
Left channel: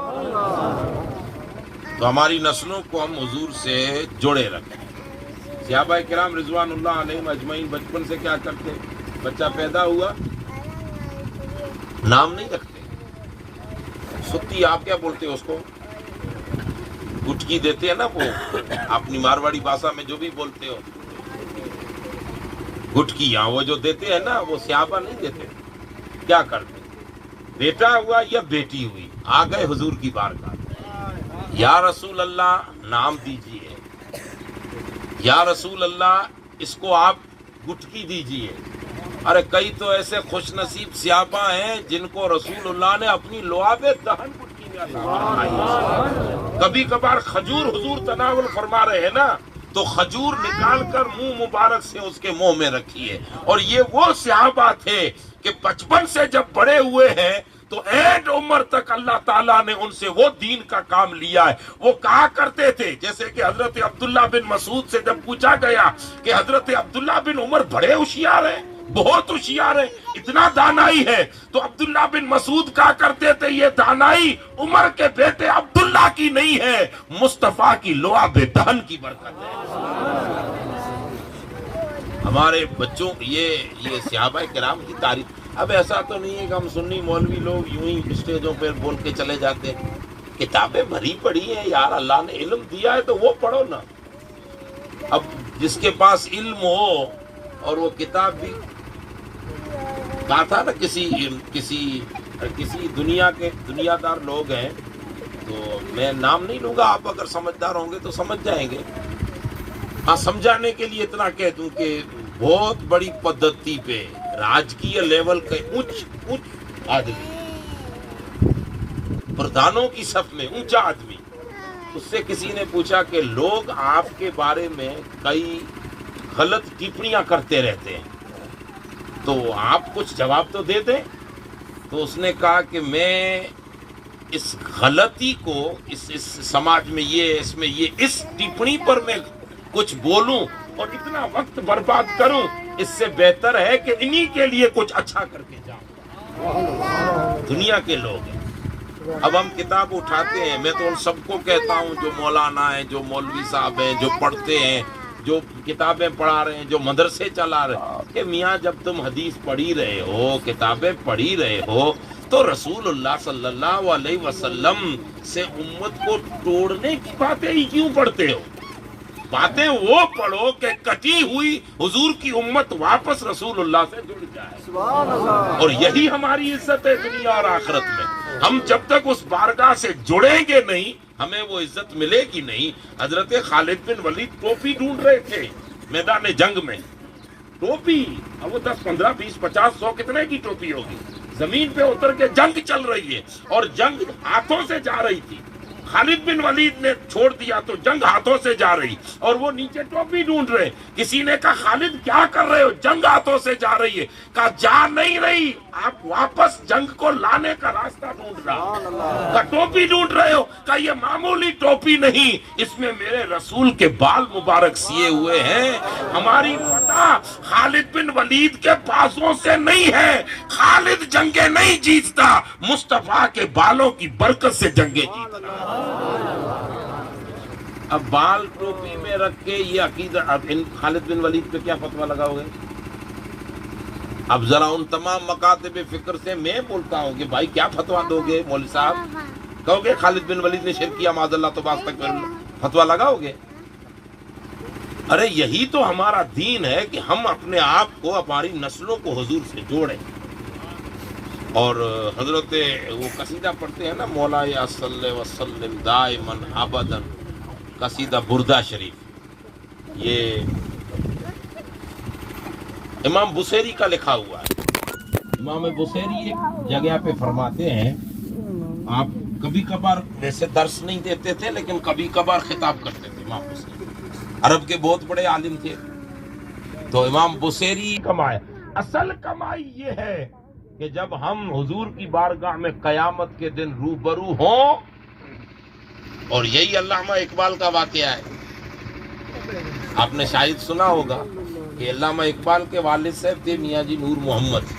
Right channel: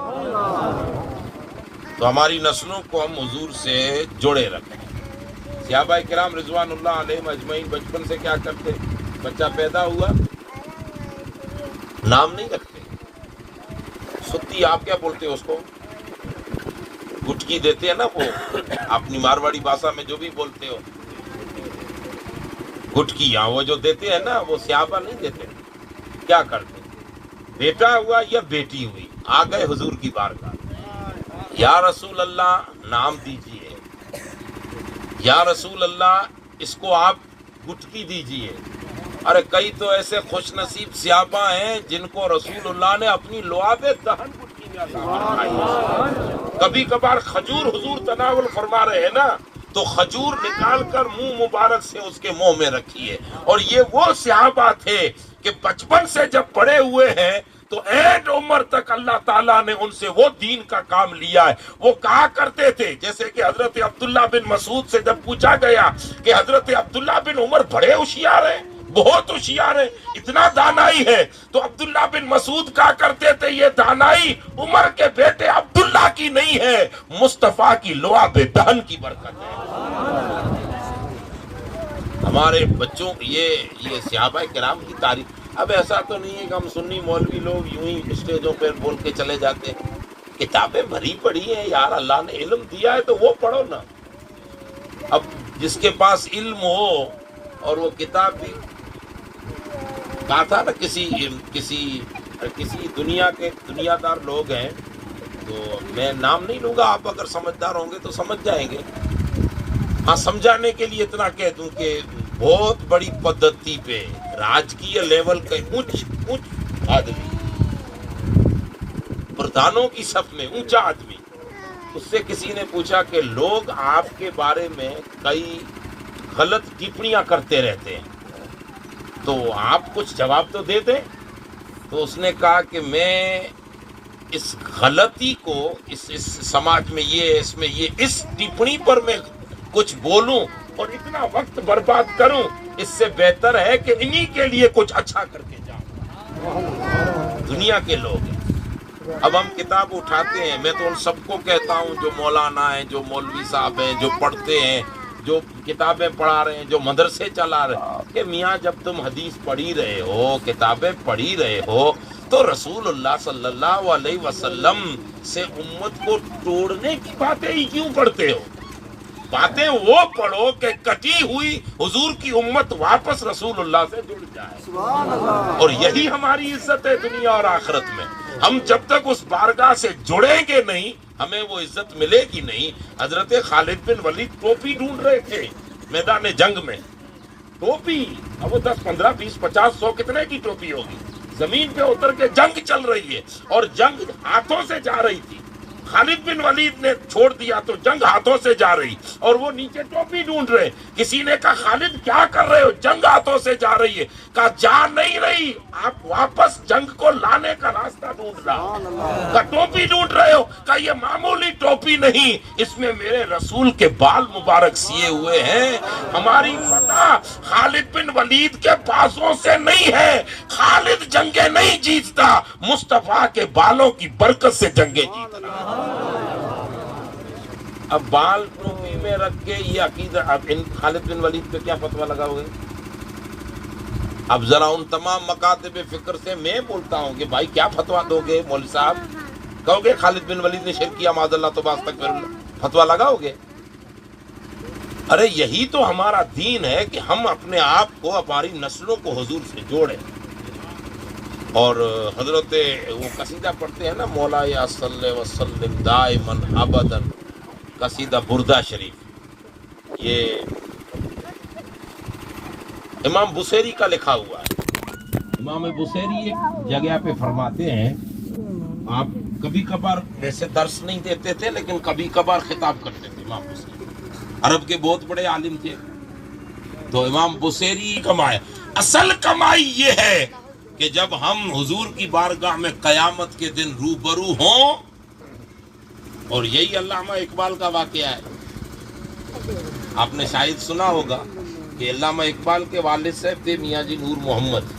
تو ہماری نسلوں کو ہم حضور سے جڑے رکھیں۔ صحابہ کرام رضوان اللہ علیہم اجمعین بچپن سے کیا کرتے؟ بچہ پیدا ہوا نام نہیں رکھتے، ستی آپ کیا بولتے اس کو؟ گٹکی دیتے ہیں نا وہ، اپنی مارواڑی بھاشا میں جو بھی بولتے ہو، گٹکیاں وہ جو دیتے ہیں نا، وہ صحابہ نہیں دیتے، کیا کرتے؟ بیٹا ہوا یا بیٹی ہوئی، آ گئے حضور کی بارگاہ، یا رسول اللہ نام دیجئے، یا رسول اللہ اس کو آپ گٹکی دیجئے۔ ارے کئی تو ایسے خوش نصیب صحابہ ہیں جن کو رسول اللہ نے اپنی لعاب دہن گٹکی میں عطا فرمائی۔ کبھی کبھار کھجور حضور تناول فرما رہے ہیں نا، تو کھجور نکال کر منہ مبارک سے اس کے منہ میں رکھیے۔ اور یہ وہ صحابہ تھے کہ بچپن سے جب بڑے ہوئے ہیں تو اینڈ عمر تک اللہ تعالیٰ نے ان سے وہ دین کا کام لیا ہے۔ وہ کہا کرتے تھے، جیسے کہ حضرت عبداللہ بن مسعود سے جب پوچھا گیا کہ حضرت عبداللہ بن عمر بڑے ہوشیار ہیں، بہت ہوشیار ہے، اتنا دانائی ہے، تو عبداللہ بن مسعود کہا کرتے تھے یہ دانائی عمر کے بیٹے عبداللہ کی نہیں ہے، مصطفیٰ کی لعاب دہن کی برکت ہے۔ ہمارے بچوں یہ صحابہ کرام کی تعریف۔ اب ایسا تو نہیں ہے کہ ہم سنی مولوی لوگ یوں ہی اسٹیجوں پہ بول کے چلے جاتے ہیں، کتابیں بھری پڑھی ہیں یار، اللہ نے علم دیا ہے تو وہ پڑھو نا۔ اب جس کے پاس علم ہو اور وہ کتاب بھی، کہا تھا نا کسی دنیا دار لوگ ہیں، تو میں نام نہیں لوں گا، آپ اگر سمجھدار ہوں گے تو سمجھ جائیں گے۔ ہاں سمجھانے کے لیے اتنا کہہ دوں کہ بہت بڑی پدھتی پہ راجکیہ لیول کے اونچ آدمی، پردھانوں کی صف میں اونچا آدمی، اس سے کسی نے پوچھا کہ لوگ آپ کے بارے میں کئی غلط ٹپڑیاں کرتے رہتے ہیں، تو آپ کچھ جواب تو دے دیں۔ تو اس نے کہا کہ میں اس غلطی کو اس سماج میں اس ٹپڑی پر میں کچھ بولوں اور اتنا وقت برباد کروں، اس سے بہتر ہے کہ انہی کے لیے کچھ اچھا کر کے جاؤں۔ دنیا کے لوگ ہیں، اب ہم کتاب اٹھاتے ہیں، میں تو ان سب کو کہتا ہوں جو مولانا ہیں، جو مولوی صاحب ہیں، جو پڑھتے ہیں، جو کتابیں پڑھا رہے ہیں، جو مدرسے چلا رہے ہیں، کہ میاں جب تم حدیث پڑھی رہے ہو، کتابیں پڑھی رہے ہو، تو رسول اللہ صلی اللہ علیہ وسلم سے امت کو توڑنے کی باتیں ہی کیوں پڑھتے ہو؟ باتیں وہ پڑھو کہ کٹی ہوئی حضور کی امت واپس رسول اللہ سے جڑ جائے۔ سبحان اللہ۔ اور یہی ہماری عزت ہے دنیا اور آخرت میں۔ ہم جب تک اس بارگاہ سے جڑیں گے نہیں، ہمیں وہ عزت ملے گی نہیں۔ حضرت خالد بن ولید ٹوپی ڈھونڈ رہے تھے میدان جنگ میں، ٹوپی، اب وہ 10 15 20 50 100 کتنے کی ٹوپی ہوگی؟ زمین پہ اتر کے جنگ چل رہی ہے اور جنگ ہاتھوں سے جا رہی تھی۔ خالد بن ولید نے چھوڑ دیا تو جنگ ہاتھوں سے جا رہی اور وہ نیچے ٹوپی ڈھونڈ رہے۔ کسی نے کہا خالد کیا کر رہے ہو؟ جنگ ہاتھوں سے جا رہی ہے۔ کہا جا نہیں رہی، آپ واپس جنگ کو لانے کا راستہ ڈھونڈ رہا۔ کہا ٹوپی ڈھونڈ رہے ہو؟ کہا یہ معمولی ٹوپی نہیں، اس میں میرے رسول کے بال مبارک سیے ہوئے ہیں۔ ہماری فتح خالد بن ولید کے بازوں سے نہیں ہے، خالد جنگیں نہیں جیتتا، مصطفیٰ کے بالوں کی برکت سے جنگیں جیتتا۔ اب بال ٹوپی میں رکھ کے یہ عقیدہ، اب ان خالد بن ولید پہ کیا فتویٰ لگاؤ گے؟ اب ذرا ان تمام مکاتب فکر سے میں بولتا ہوں کہ بھائی کیا فتویٰ دو گے مولوی صاحب؟ کہو گے خالد بن ولید نے شرک کیا معاذ اللہ تو باز تک فتویٰ لگاؤ گے؟ ارے یہی تو ہمارا دین ہے کہ ہم اپنے آپ کو، ہماری نسلوں کو حضور سے جوڑیں۔ اور حضرت وہ قصیدہ پڑھتے ہیں نا، مولا یا صلی وسلم دائما ابدا، قصیدہ بردہ شریف، یہ امام بصیری کا لکھا ہوا ہے۔ امام بصیری ایک جگہ پہ فرماتے ہیں، آپ کبھی کبھار ویسے درس نہیں دیتے تھے لیکن کبھی کبھار خطاب کرتے تھے۔ امام بصیری عرب کے بہت بڑے عالم تھے، تو امام بصیری کمائے، اصل کمائی یہ ہے کہ جب ہم حضور کی بارگاہ میں قیامت کے دن روبرو ہوں اور یہی علامہ اقبال کا واقعہ ہے. آپ نے شاید سنا ہوگا کہ علامہ اقبال کے والد صاحب تھے میاں جی نور محمد.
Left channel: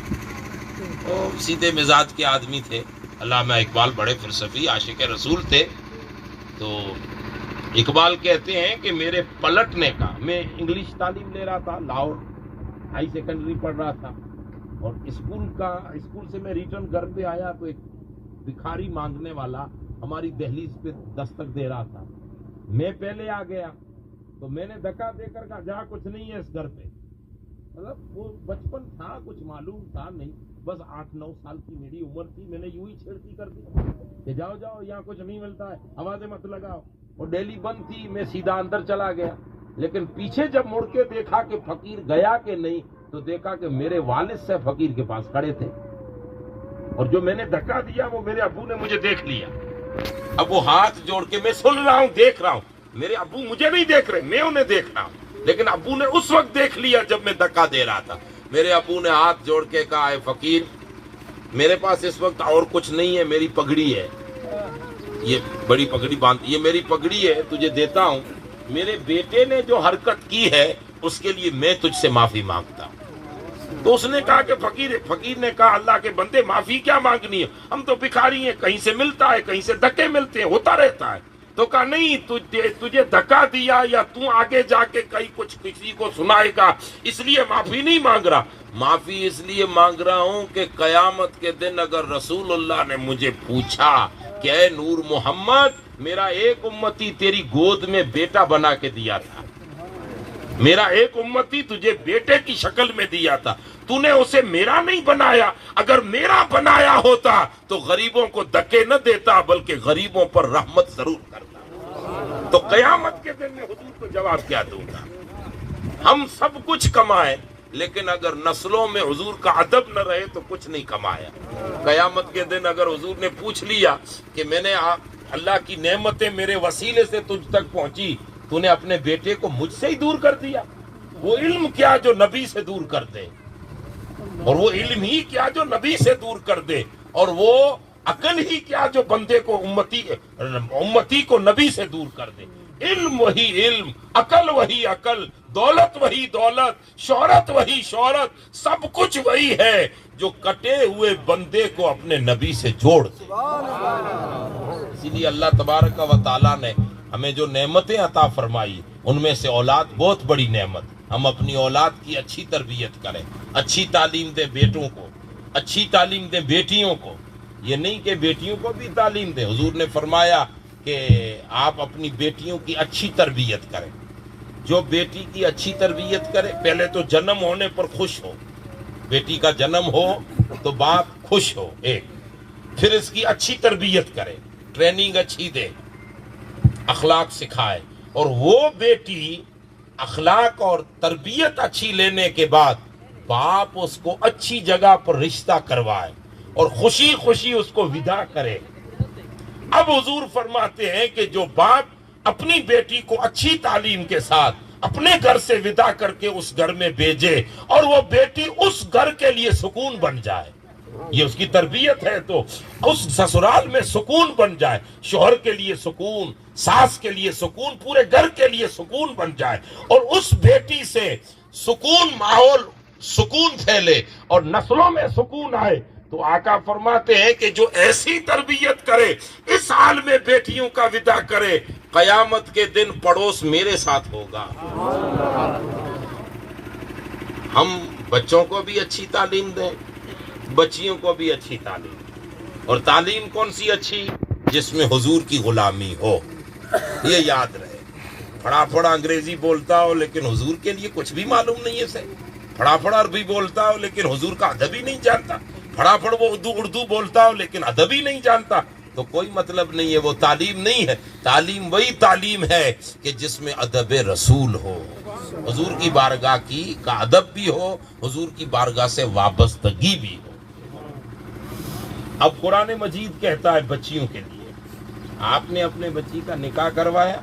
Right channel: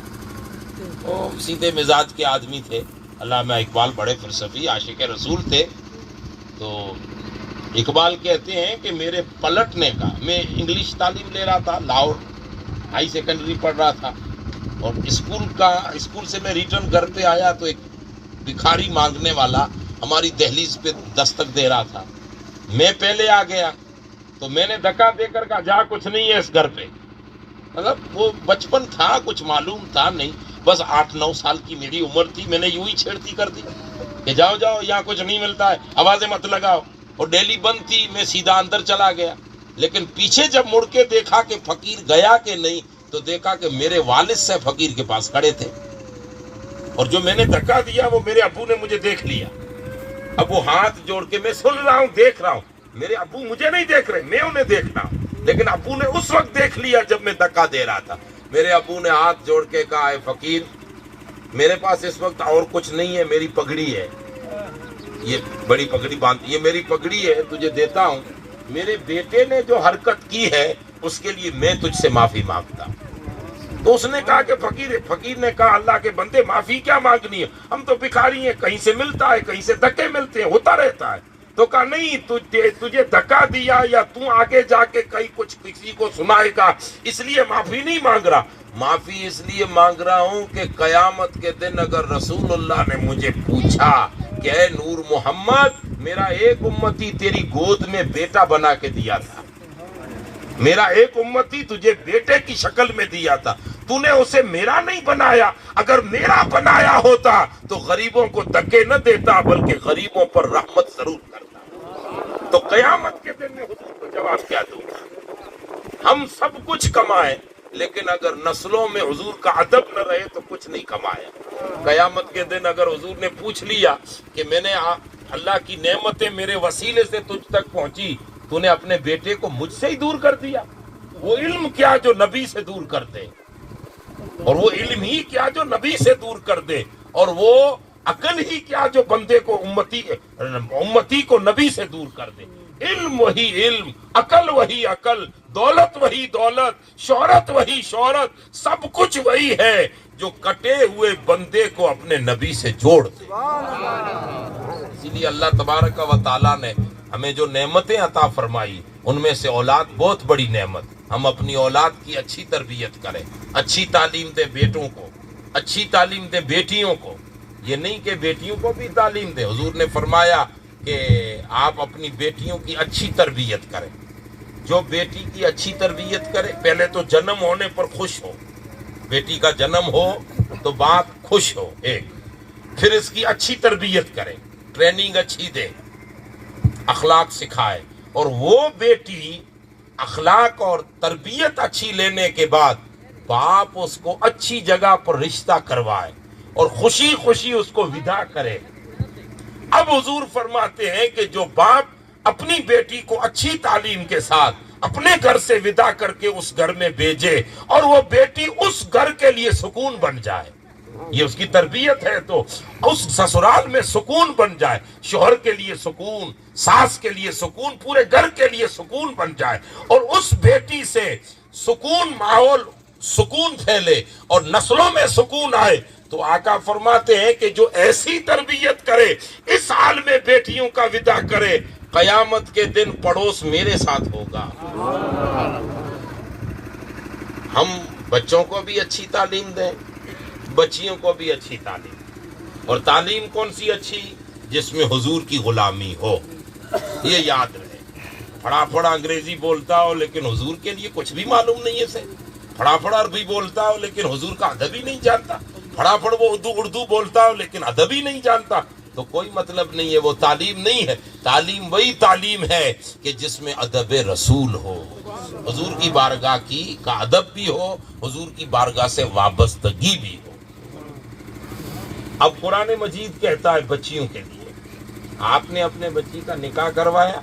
وہ سیدھے مزاج کے آدمی تھے. علامہ اقبال بڑے فلسفی عاشق رسول تھے. تو اقبال کہتے ہیں کہ میرے پلٹنے کا، میں انگلش تعلیم لے رہا تھا، لاہور ہائی سیکنڈری پڑھ رہا تھا، اور اسکول سے میں ریٹرن گھر پہ آیا تو ایک بھکاری مانگنے والا ہماری دہلیز پہ دستک دے رہا تھا. میں پہلے آ گیا تو میں نے دھکا دے کر کہا جا کچھ نہیں ہے اس گھر پہ. مطلب وہ بچپن تھا، کچھ معلوم تھا نہیں، بس 8-9 سال کی میری عمر تھی. میں نے یوں ہی چھیڑتی کر دی کہ جاؤ جاؤ یہاں کچھ نہیں ملتا ہے، آوازیں مت لگاؤ. اور ڈیلی بند تھی، میں سیدھا اندر چلا گیا. لیکن پیچھے جب مڑ کے دیکھا کہ فقیر گیا کہ نہیں تو دیکھا کہ میرے والد سے فقیر کے پاس کھڑے تھے. اور جو میں نے دھکا دیا وہ میرے ابو نے مجھے دیکھ لیا. اب وہ ہاتھ جوڑ کے، میں سن رہا ہوں، دیکھ رہا ہوں، میرے ابو مجھے نہیں دیکھ رہے، میں انہیں دیکھ رہا ہوں. لیکن ابو نے اس وقت دیکھ لیا جب میں دھکا دے رہا تھا. میرے ابو نے ہاتھ جوڑ کے کہا اے فقیر، میرے پاس اس وقت اور کچھ نہیں ہے، میری پگڑی ہے، یہ بڑی پگڑی باندھ، یہ میری پگڑی ہے، تجھے دیتا ہوں. میرے بیٹے نے جو حرکت کی ہے اس کے لیے میں تجھ سے معافی مانگتا ہوں. تو اس نے کہا کہ فقیر نے کہا اللہ کے بندے معافی کیا مانگنی ہے، ہم تو بھکاری ہیں، کہیں سے ملتا ہے، کہیں سے دھکے ملتے ہیں، ہوتا رہتا ہے. تو کہا نہیں، تجھے دھکا دیا یا تو آگے جا کے کہیں کچھ کسی کو سنائے گا اس لیے معافی نہیں مانگ رہا. معافی اس لیے مانگ رہا ہوں کہ قیامت کے دن اگر رسول اللہ نے مجھے پوچھا کہ اے نور محمد، میرا ایک امتی تیری گود میں بیٹا بنا کے دیا تھا، میرا ایک امتی تجھے بیٹے کی شکل میں دیا تھا، تو نے اسے میرا نہیں بنایا. اگر میرا بنایا ہوتا تو غریبوں کو دھکے نہ دیتا بلکہ غریبوں پر رحمت ضرور کرتا. تو قیامت کے دن میں حضور کو جواب کیا دوں گا؟ ہم سب کچھ کمائیں لیکن اگر نسلوں میں حضور کا ادب نہ رہے تو کچھ نہیں کمایا. قیامت کے دن اگر حضور نے پوچھ لیا کہ میں نے اللہ کی نعمتیں میرے وسیلے سے تجھ تک پہنچی، تو نے اپنے بیٹے کو مجھ سے ہی دور کر دیا. وہ علم کیا جو نبی سے دور کر دے، اور وہ علم ہی کیا جو نبی سے دور کر دے، اور وہ عقل ہی کیا جو بندے کو امتی کو نبی سے دور کر دے. علم وہی علم، عقل وہی عقل، دولت وہی دولت، شہرت وہی شہرت، سب کچھ وہی ہے جو کٹے ہوئے بندے کو اپنے نبی سے جوڑ دے. اسی لیے اللہ تبارک و تعالیٰ نے ہمیں جو نعمتیں عطا فرمائی ان میں سے اولاد بہت بڑی نعمت. ہم اپنی اولاد کی اچھی تربیت کریں، اچھی تعلیم دیں بیٹوں کو، اچھی تعلیم دیں بیٹیوں کو. یہ نہیں کہ بیٹیوں کو بھی تعلیم دیں. حضور نے فرمایا کہ آپ اپنی بیٹیوں کی اچھی تربیت کریں. جو بیٹی کی اچھی تربیت کرے، پہلے تو جنم ہونے پر خوش ہو، بیٹی کا جنم ہو تو باپ خوش ہو ایک، پھر اس کی اچھی تربیت کرے، ٹریننگ اچھی دے، اخلاق سکھائے، اور وہ بیٹی اخلاق اور تربیت اچھی لینے کے بعد باپ اس کو اچھی جگہ پر رشتہ کروائے اور خوشی خوشی اس کو ودا کرے. اب حضور فرماتے ہیں کہ جو باپ اپنی بیٹی کو اچھی تعلیم کے ساتھ اپنے گھر سے ودا کر کے اس گھر میں بھیجے اور وہ بیٹی اس گھر کے لیے سکون بن جائے، یہ اس کی تربیت ہے، تو اس سسرال میں سکون بن جائے، شوہر کے لیے سکون، ساس کے لیے سکون، پورے گھر کے لیے سکون بن جائے، اور اس بیٹی سے سکون ماحول، سکون پھیلے اور نسلوں میں سکون آئے. تو آقا فرماتے ہیں کہ جو ایسی تربیت کرے، اس حال میں بیٹیوں کا ودا کرے، قیامت کے دن پڑوس میرے ساتھ ہوگا. ہم بچوں کو بھی اچھی تعلیم دیں، بچیوں کو بھی اچھی تعلیم. اور تعلیم کون سی اچھی؟ جس میں حضور کی غلامی ہو. یہ یاد رہے. پھڑا پھڑا انگریزی بولتا ہو لیکن حضور کے لیے کچھ بھی معلوم نہیں ہے، سے پھڑا پھڑا عربی بولتا ہو لیکن حضور کا ادب ہی نہیں جانتا، پھڑا پھڑ وہ اردو بولتا ہو لیکن ادب ہی نہیں جانتا، تو کوئی مطلب نہیں ہے، وہ تعلیم نہیں ہے. تعلیم وہی تعلیم ہے کہ جس میں ادب رسول ہو، حضور کی بارگاہ کا ادب بھی ہو، حضور کی بارگاہ سے وابستگی بھی ہو. اب قرآن مجید کہتا ہے بچیوں کے لیے، آپ نے اپنے بچی کا نکاح کروایا،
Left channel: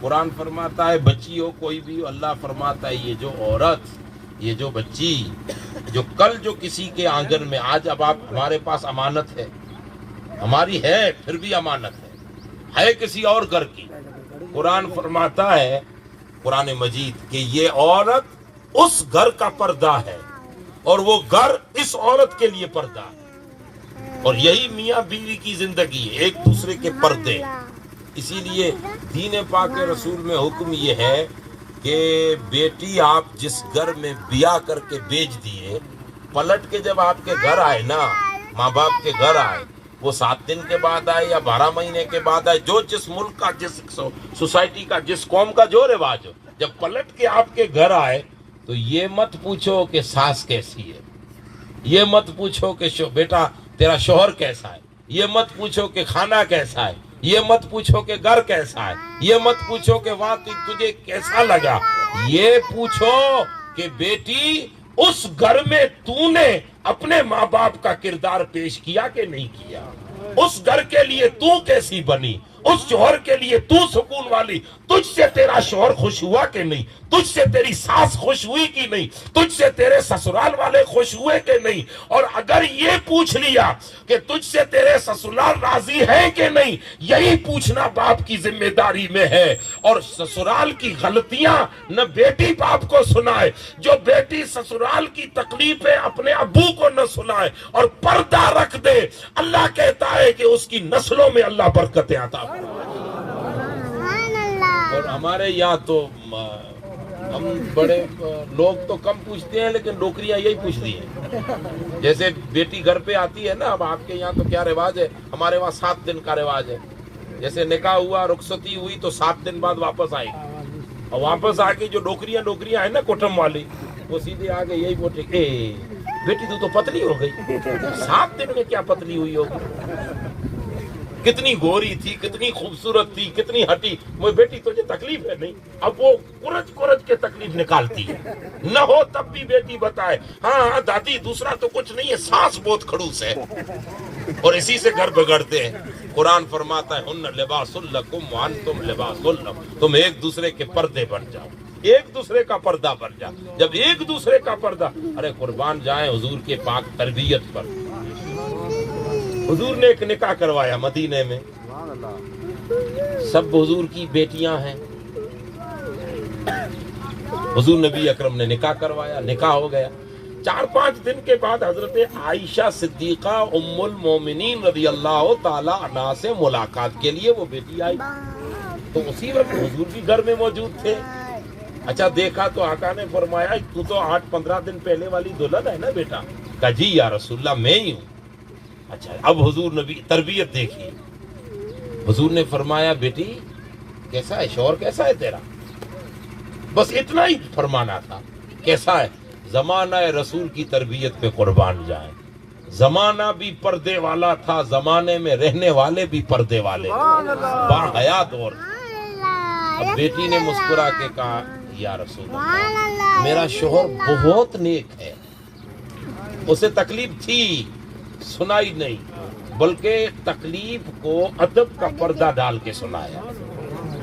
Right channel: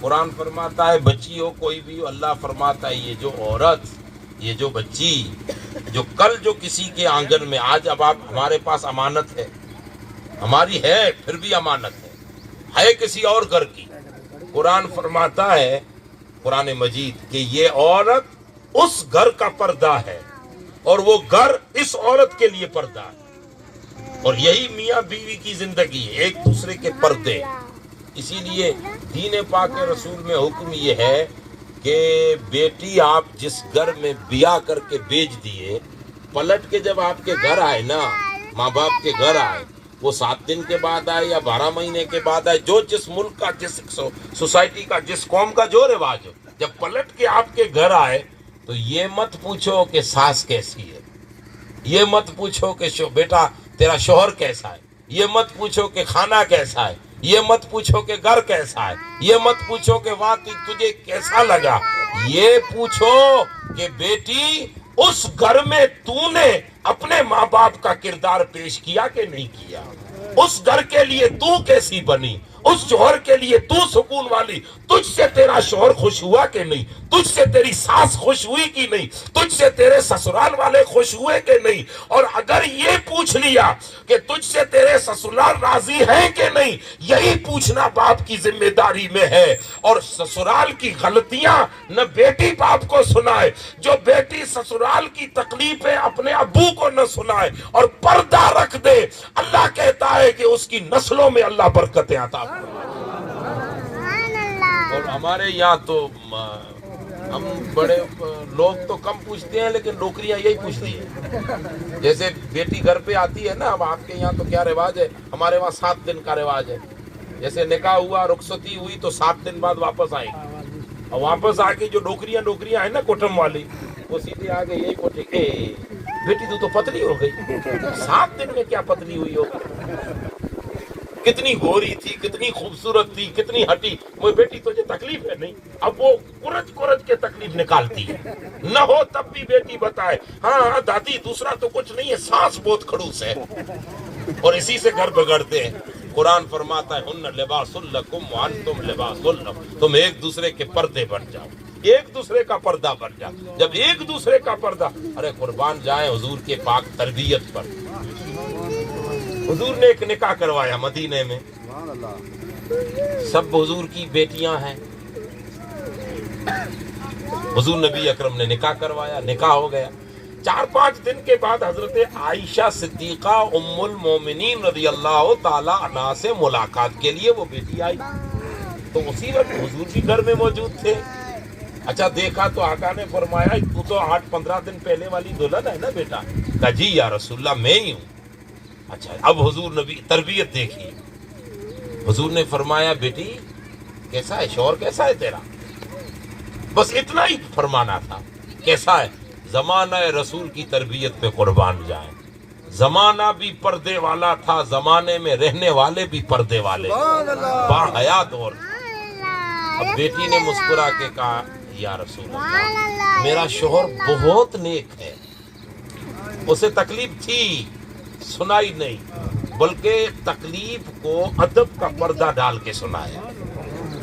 قرآن فرماتا ہے بچی ہو کوئی بھی ہو، اللہ فرماتا ہے یہ جو عورت، یہ جو بچی جو کل جو کسی کے آنگن میں، آج اب آپ ہمارے پاس امانت ہے، ہماری ہے پھر بھی امانت ہے، ہے کسی اور گھر کی. قرآن فرماتا ہے قرآن مجید کہ یہ عورت اس گھر کا پردہ ہے اور وہ گھر اس عورت کے لیے پردہ ہے. اور یہی میاں بیوی کی زندگی ہے، ایک دوسرے کے پردے. اسی لیے دین پاک رسول میں حکم یہ ہے کہ بیٹی آپ جس گھر میں بیاہ کر کے بیچ دیے، پلٹ کے جب آپ کے گھر آئے نا، ماں باپ کے گھر آئے، وہ 7 دن کے بعد آئے یا 12 مہینے کے بعد آئے، جو جس ملک کا، جس سوسائٹی کا، جس قوم کا جو رواج ہے، جب پلٹ کے آپ کے گھر آئے تو یہ مت پوچھو کہ ساس کیسی ہے، یہ مت پوچھو کہ بیٹا تیرا شوہر کیسا ہے، یہ مت پوچھو کہ کھانا کیسا ہے، یہ مت پوچھو کہ گھر کیسا ہے، یہ مت پوچھو کہ وہاں تجھے کیسا لگا. یہ پوچھو کہ بیٹی اس گھر میں تو نے اپنے ماں باپ کا کردار پیش کیا کہ نہیں کیا، اس گھر کے لیے تو کیسی بنی، اس شوہر کے لیے تو سکون والی، تجھ سے تیرا شوہر خوش ہوا کہ نہیں، تجھ سے تیری ساس خوش ہوئی کہ نہیں، تجھ سے تیرے سسرال والے خوش ہوئے کہ نہیں. اور اگر یہ پوچھ لیا کہ تجھ سے تیرے سسرال راضی ہیں کہ نہیں، یہی پوچھنا باپ کی ذمہ داری میں ہے. اور سسرال کی غلطیاں نہ بیٹی باپ کو سنائے، جو بیٹی سسرال کی تکلیفیں اپنے ابو کو نہ سنائے اور پردہ رکھ دے، اللہ کہتا ہے کہ اس کی نسلوں میں اللہ برکتیں عطا فرمائے. اور ہمارے یہاں تو ہم بڑے لوگ تو کم پوچھتے ہیں لیکن نوکریاں یہی پوچھتی ہیں. جیسے بیٹی گھر پہ آتی ہے نا، اب آپ کے یہاں تو کیا رواج ہے، ہمارے وہاں 7 دن کا رواج ہے. جیسے نکاح ہوا، رخصتی ہوئی تو 7 دن بعد واپس آئے گی. اور واپس آ کے جو نوکریاں ہیں نا کوٹم والی، وہ سیدھے آگے یہی پوچھے کہ بیٹی تو پتلی ہو گئی، 7 دن میں کیا پتلی ہوئی ہوگی، کتنی گوری تھی، کتنی خوبصورت تھی، کتنی ہٹی. وہ بیٹی تجھے تکلیف ہے نہیں. اب وہ کورج کے تکلیف نکالتی ہے. نہ ہو تب بھی بیٹی بتائے ہاں دادی دوسرا تو کچھ نہیں ہے، سانس بہت کھڑوس ہے. اور اسی سے گھر بگڑتے ہیں. قرآن فرماتا ہے ہن لباس لکم وانتم لباس لہم، تم ایک دوسرے کے پردے بن جاؤ، ایک دوسرے کا پردہ بن جاؤ. جب ایک دوسرے کا پردہ، ارے قربان جائیں حضور کے پاک تربیت پر. حضور نے ایک نکاح کروایا مدینے میں، سب حضور کی بیٹیاں ہیں. حضور نبی اکرم نے نکاح کروایا، نکاح ہو گیا. 4-5 دن کے بعد حضرت عائشہ صدیقہ ام المومنین رضی اللہ تعالی عنہا سے ملاقات کے لیے وہ بیٹی آئی. تو اسی وقت حضور بھی گھر میں موجود تھے. اچھا دیکھا تو آقا نے فرمایا تو 8-15 دن پہلے والی دلہن ہے نا بیٹا؟ کہا جی یا رسول اللہ میں ہی ہوں. اچھا اب حضور نبی تربیت دیکھی. حضور نے فرمایا بیٹی کیسا ہے شوہر، کیسا ہے تیرا؟ بس اتنا ہی فرمانا تھا. کیسا ہے؟ زمانہ رسول کی تربیت پہ قربان جائیں. زمانہ بھی پردے والا تھا، زمانے میں رہنے والے بھی پردے والے، باحیات. اور اب بیٹی نے مسکرا کے کہا یا رسول اللہ میرا شوہر بہت نیک ہے، اسے تکلیف تھی سنائی نہیں، بلکہ تکلیف کو ادب کا پردہ ڈال کے سنایا.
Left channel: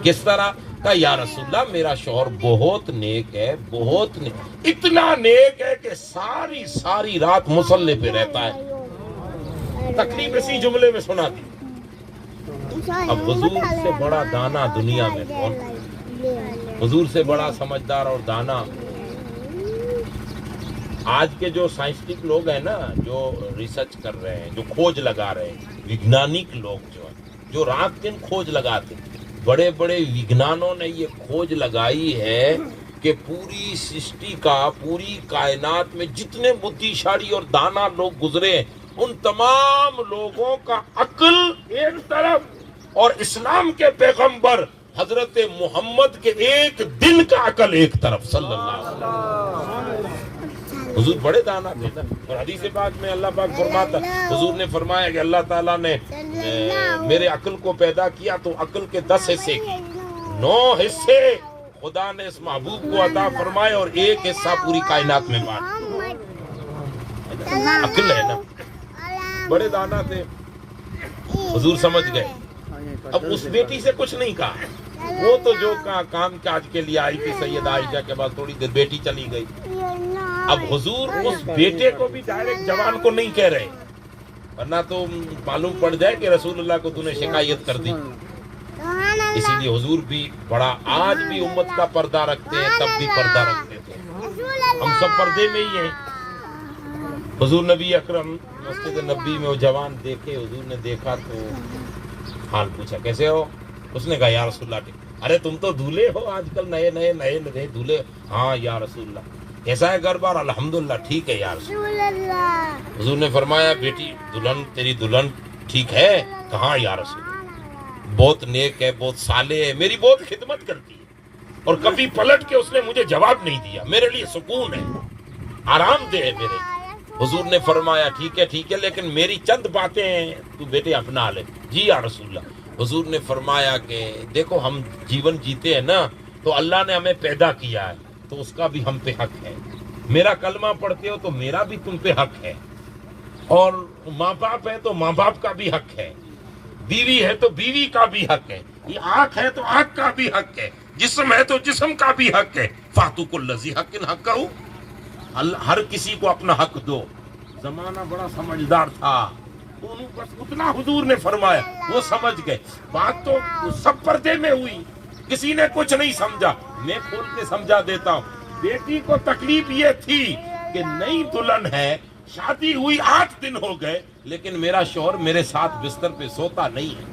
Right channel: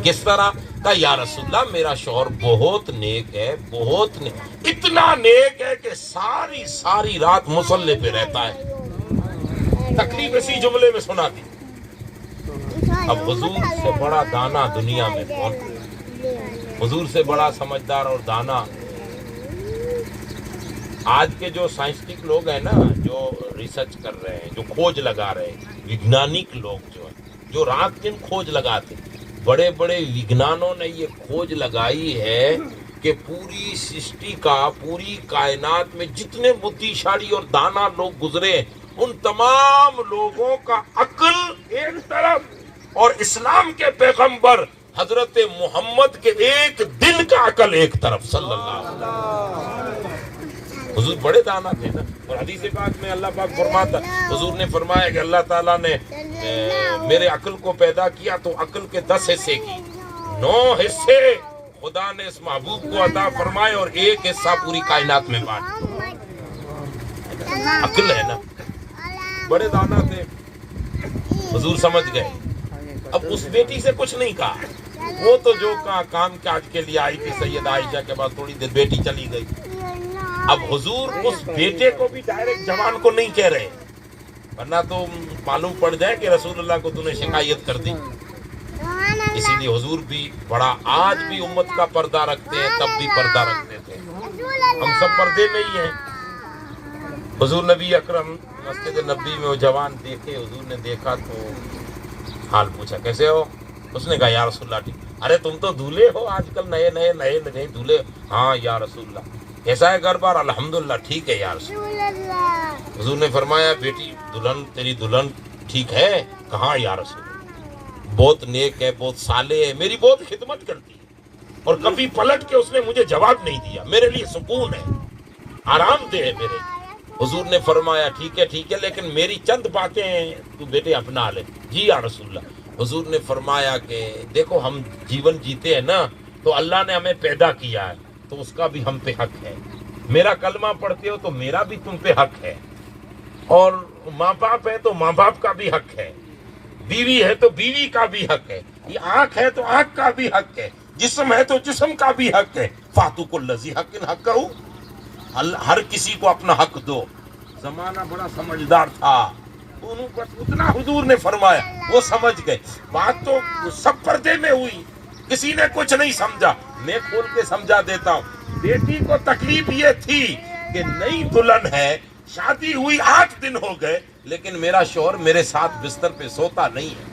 کس طرح؟ کہا یا رسول اللہ میرا شوہر بہت نیک ہے، بہت نیک، اتنا نیک ہے کہ ساری رات مصلے پہ رہتا ہے. تکلیف اسی جملے میں سنا دی. اب حضور سے بڑا دانا دنیا میں کون؟ حضور سے بڑا سمجھدار اور دانا آج کے جو سائنسٹک لوگ ہیں نا، جو ریسرچ کر رہے ہیں، جو کھوج لگا رہے ہیں، وگنانک لوگ جو رات دن کھوج لگاتے ہیں، بڑے بڑے وگنانوں نے یہ کھوج لگائی ہے کہ پوری سرشٹی کا، پوری کائنات میں جتنے بدھیشالی اور دانا لوگ گزرے ہیں، ان تمام لوگوں کا عقل ایک طرف اور اسلام کے پیغمبر حضرت محمد کے ایک دن کا عقل ایک طرف. صلی اللہ علیہ وسلم حضور بڑے دانا تھے نا. اور حدیث پاک میں اللہ پاک فرماتا، حضور نے فرمایا کہ اللہ تعالیٰ نے میرے عقل کو پیدا کیا تو عقل کے 10 حصے کی 9 حصے خدا نے اس محبوب کو عطا فرمائے اور ایک حصہ پوری کائنات میں بانٹ. عقل ہے نا، بڑے دانا تھے. حضور سمجھ گئے. اب اس بیٹی سے کچھ نہیں کہا، وہ تو جو کام کاج کے لیے آئی تھی سید عائشہ کے بعد تھوڑی دیر بیٹی چلی گئی. اب حضور اس بیٹے کو بھی ڈائریکٹ جوان کو نہیں کہہ رہے، ورنہ تو معلوم پڑ جائے کہ رسول اللہ کو تو نے شکایت کر دی. اسی لیے حضور بھی بڑا آج بھی امت کا پردہ رکھتے ہیں، تب بھی پردہ رکھتے تھے، ہم سب پردے میں ہی ہیں۔ حضور نبی اکرم مسجد نبی میں وہ جوان دیکھے، حضور نے دیکھا تو حال پوچھا کیسے ہو؟ اس نے کہا یا رسول اللہ ٹھیک۔ ارے تم تو دولے ہو آج کل، نئے دولے۔ ہاں یا رسول اللہ کیسا ہے گھر بار؟ الحمدللہ ٹھیک ہے یا رسول اللہ۔ حضور نے فرمایا بیٹی دلہن تیری دلہن ٹھیک ہے؟ کہاں یا رسول اللہ، بہت نیک ہے، بہت صالح ہے، میری بہت خدمت کرتی ہے، اور کبھی پلٹ کے اس نے مجھے جواب نہیں دیا، میرے لیے سکون ہے، آرام دہ ہے میرے لیے۔ حضور نے فرمایا ٹھیک ہے لیکن میری چند باتیں ہیں تو بیٹے اپنا لے۔ جی یا رسول اللہ۔ حضور نے فرمایا کہ دیکھو ہم جیون جیتے ہیں نا تو اللہ نے ہمیں پیدا کیا ہے تو اس کا بھی ہم پہ حق ہے، میرا کلمہ پڑھتے ہو تو میرا بھی تم پہ حق ہے، اور ماں باپ ہے تو ماں باپ کا بھی حق ہے، بیوی ہے تو بیوی کا بھی حق ہے، یہ آنکھ ہے تو آنکھ کا بھی حق ہے، جسم ہے تو جسم کا بھی حق ہے۔ فاتو کل ذی حق حقہ، ہر کسی کو اپنا حق دو۔ زمانہ بڑا سمجھدار تھا، بس اتنا حضور نے فرمایا وہ سمجھ گئے، بات تو سب پردے میں ہوئی، کسی نے کچھ نہیں سمجھا۔ میں کھول کے سمجھا دیتا ہوں، بیٹی کو تکلیف یہ تھی کہ نئی دلہن ہے، شادی ہوئی 8 دن ہو گئے لیکن میرا شوہر میرے ساتھ بستر پہ سوتا نہیں ہے۔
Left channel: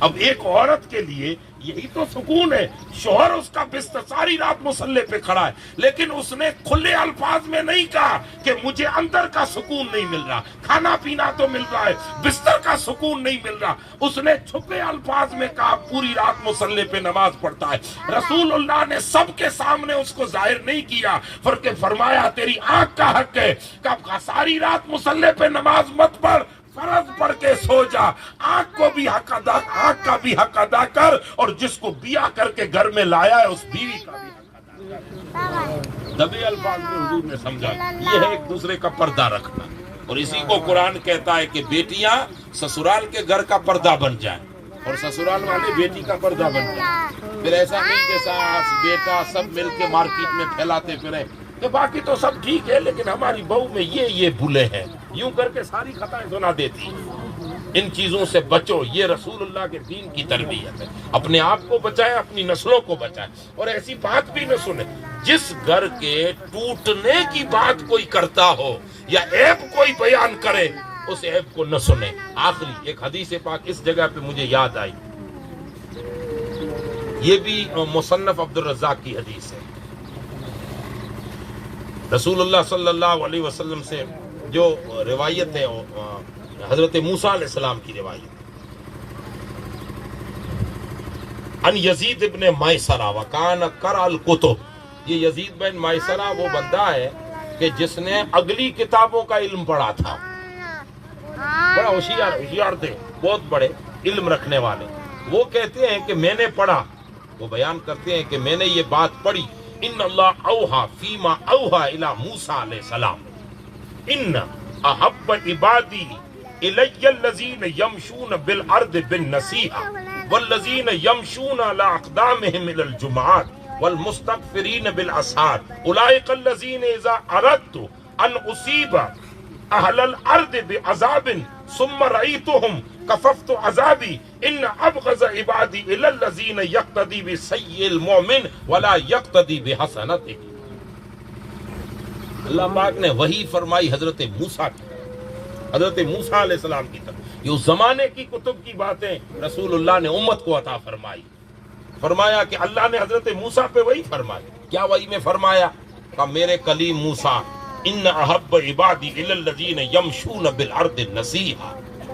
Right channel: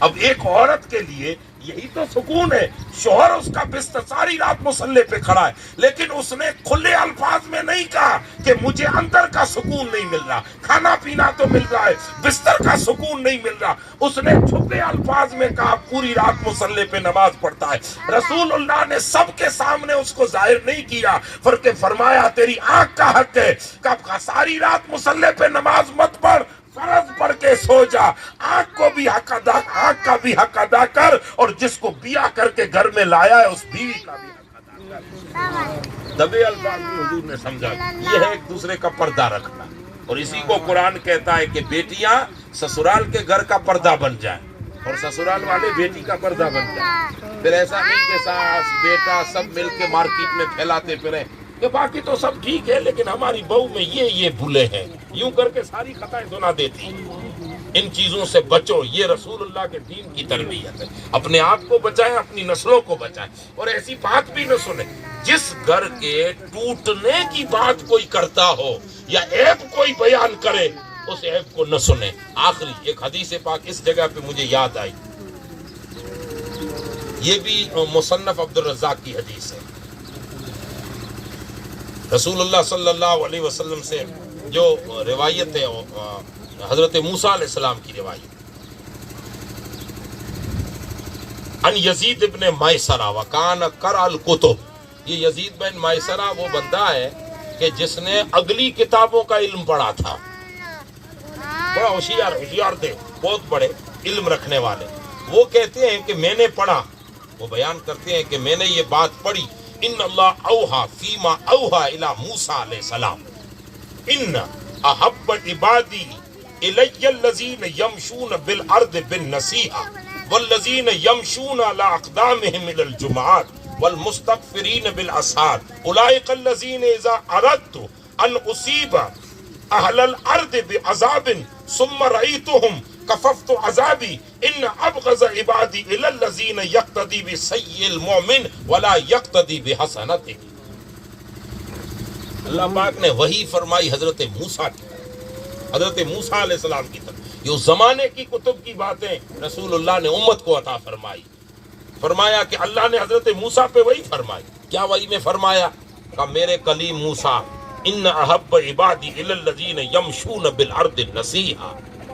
اب ایک عورت کے لیے یہی تو سکون ہے، شوہر اس کا بستر ساری رات مصلے پہ کھڑا ہے، لیکن اس نے کھلے الفاظ میں نہیں کہا کہ مجھے اندر کا سکون نہیں مل رہا، کھانا پینا تو مل رہا ہے، بستر کا سکون نہیں مل رہا۔ اس نے چھپے الفاظ میں کہا پوری رات مصلے پہ نماز پڑھتا ہے۔ رسول اللہ نے سب کے سامنے اس کو ظاہر نہیں کیا، فرمایا تیری آنکھ کا حق ہے، کہا ساری رات مصلے پہ نماز مت پڑھ، فرض پڑھ کے سو جا، آنکھ کو بھی حق ادا، آنکھ کا بھی حق ادا کر، اور جس کو بیاہ کر کے گھر میں لایا ہے اس بیوی کا بھی حق ادا کر۔ دبے الفاظ میں حضور نے سمجھا یہ ہے ایک دوسرے کا پردہ رکھنا، اور اسی کو قرآن کہتا ہے کہ بیٹیاں سسرال کے گھر کا پردہ بن جائیں اور سسرال والے بیٹی کا پردہ بن جائیں۔ پھر ایسا نہیں کہ ساس بیٹا سب مل کے مارکیٹ میں پھیلاتے پھریں کہ باقی تو سب ٹھیک ہے لیکن ہماری بہو میں یہ بھولے ہیں، یوں کر کے ساری خطائیں سنا دیتی۔ ان چیزوں سے بچو، یہ رسول اللہ کے دین کی تربیت ہے۔ اپنے آپ کو بچائیں، اپنی نسلوں کو بچائیں، اور ایسی بات بھی نہ سنیں۔ جس گھر کے ٹوٹنے کی بات کوئی کرتا ہو یا عیب کوئی بیان کرے اس عیب کو نہ سنیں۔ آخری ایک حدیث پاک اس جگہ پہ مجھے یاد آئی، یہ بھی مصنف عبدالرزاق کی حدیث ہے۔ رسول اللہ صلی اللہ علیہ وسلم سے جو روایت ہے حضرت موسیٰ علیہ السلام کی روایت، ان یزید ابن مائسرہ وکان قرأ الکتب، یہ یزید بن مائسرہ وہ بندہ ہے کہ جس نے اگلی کتابوں کا علم پڑھا تھا، بڑا ہوشیار تھے، بہت بڑے علم رکھنے والے۔ وہ کہتے ہیں کہ میں نے پڑھا، وہ بیان کرتے ہیں کہ میں نے یہ بات پڑھی، ان اللہ اوحا فیما اوحا الی موسیٰ علیہ السلام ان احب عبادی الی الذین یمشون بالارض بالنصیحہ والذین یمشون علی اقدامہم الی الجمعات والمستغفرین بالاسحار اولئک الذین اذا اردت ان اصیب اہل الارض بعذاب ثم رأیتهم کففت عذابی ان ابغض عبادی الی الذین یقتدی بسیء المؤمن ولا یقتدی بحسنتہ۔ اللہ پاک نے وحی فرمائی حضرت موسیٰ کی، حضرت موسیٰ علیہ السلام کی طرف، یہ اس زمانے کی کتب کی باتیں رسول اللہ نے امت کو عطا فرمائی۔ فرمایا کہ اللہ نے حضرت موسیٰ پہ وحی فرمائی، کیا وحی میں فرمایا کہ میرے کلیم موسیٰ ان احب عبادی الی الذین یمشون بالارض نصیحا،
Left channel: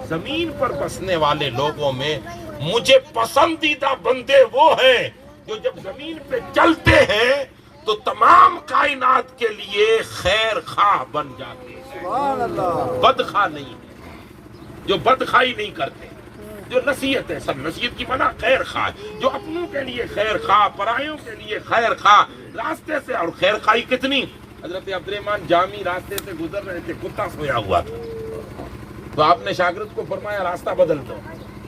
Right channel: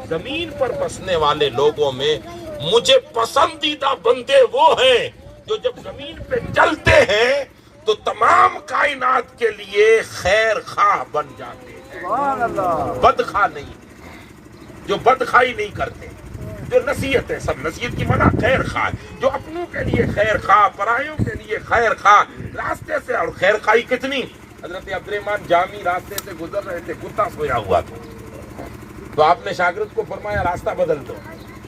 زمین پر بسنے والے لوگوں میں مجھے پسندیدہ بندے وہ ہیں جو جب زمین پہ چلتے ہیں تو تمام کائنات کے لیے خیر خواہ بن جاتے ہیں، سبحان اللہ، بدخواہ نہیں، جو بدخواہی نہیں کرتے، جو نصیحت ہے، سب نصیحت کی معنی خیر خواہ، جو اپنوں کے لیے خیر خواہ، پرایوں کے لیے خیر خواہ، راستے سے، اور خیر خواہی کتنی، حضرت عبدالرحمن جامی راستے سے گزر رہے تھے، کتا سویا ہوا تھا، تو آپ نے شاگرد کو فرمایا راستہ بدل دو،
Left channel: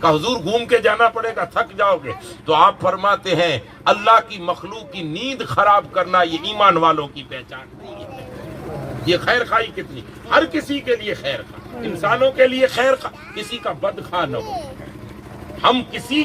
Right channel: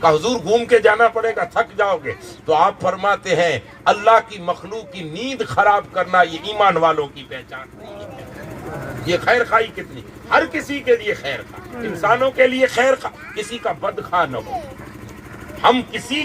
کہا حضور گھوم کے جانا پڑے گا، تھک جاؤ گے، تو آپ فرماتے ہیں اللہ کی مخلوق کی نیند خراب کرنا یہ ایمان والوں کی پہچان نہیں ہے۔ یہ خیر خواہی کتنی، ہر کسی کے لیے خیر خواہ، انسانوں کے لیے خیر خواہ، کسی کا بد خواہ نہ ہو۔ ہم کسی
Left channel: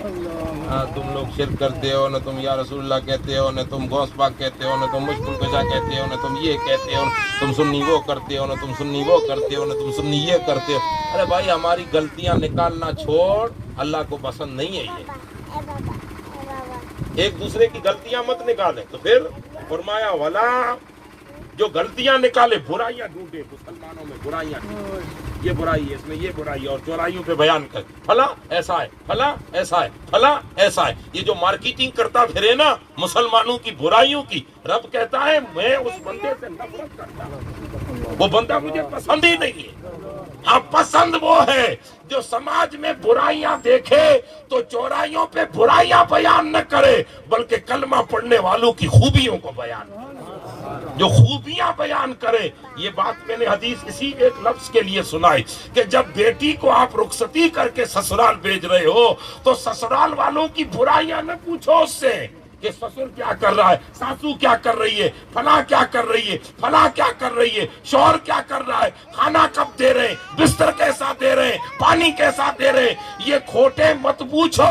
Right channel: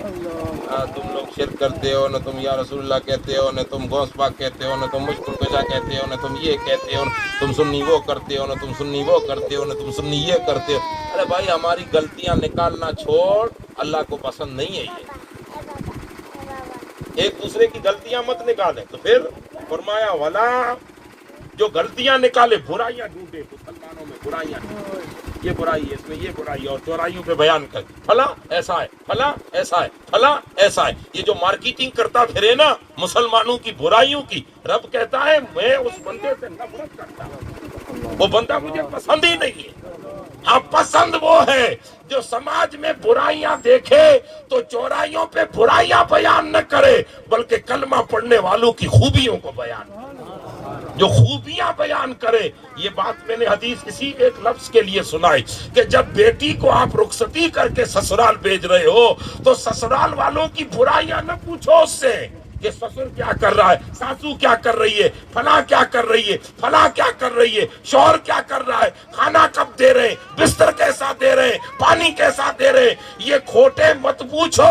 تم لوگ شرک کرتے ہو، نہ تم یا رسول اللہ کہتے ہو، نہ تم غوث پاک کہتے ہو، نہ تم مشکل کشا کہتے ہو، نہ تم یہ کہتے ہو، تم سنی وہ کرتے ہو، نہ تم سنی وہ کرتے ہو، نہ تم سنی یہ کرتے ہو۔ ارے بھائی ہماری غلطیاں نکالنا چھوڑ، اللہ کو پسند نہیں ہے یہ۔ ایک دوسرے کی غلطیاں مت نکالیں۔ تو پھر فرمایا ولا، جو غلطیاں نکالے، برائیاں ڈھونڈے، مسلمانوں میں برائیاں ڈھونڈے، یہ برائی ہے، اس میں یہ برائی ہے، اور چورائیوں پہ بیان کر، فلاں ایسا ہے، فلاں ایسا ہے، فلاں ایسا ہے۔ یہ جو مارکیٹنگ کرتا پھرے نا مسلمانوں کی برائیوں کی، رب کہتا ہے میں اس بندے سے نفرت کرتا ہوں، وہ بندہ مجھے پسند ہی نہیں ہے۔ اب پسند وہ ہے جو سماج میں برائیاں دیکھے تو چورائیوں پہ برائیاں بیان نہ کرے، بلکہ کلمہ پڑھنے والوں کی خوبیوں کو بیان کرے، جو خوبیاں بیان کرے۔ یہ بات میں نے حدیث اسی ایک لفظ کے لیے سنائی کہ جب بیٹی کو آپ رخصتی کر کے سسرال بھیج رہے ہو تو سسرال والوں کی برائیاں نہ پوچھو اس سے کہ سسر کیا کر رہا ہے، ساسو کیا کر رہی ہے، فلاں کیا کر رہی ہے، فلاں کیا کر رہی ہے، شوہر کیا کر رہا ہے، کھانا کب دے رہے ہیں، بستر کیسا دے رہے ہیں، پانی کیسا دے رہے ہیں۔ یہ کھوٹے مت پوچھو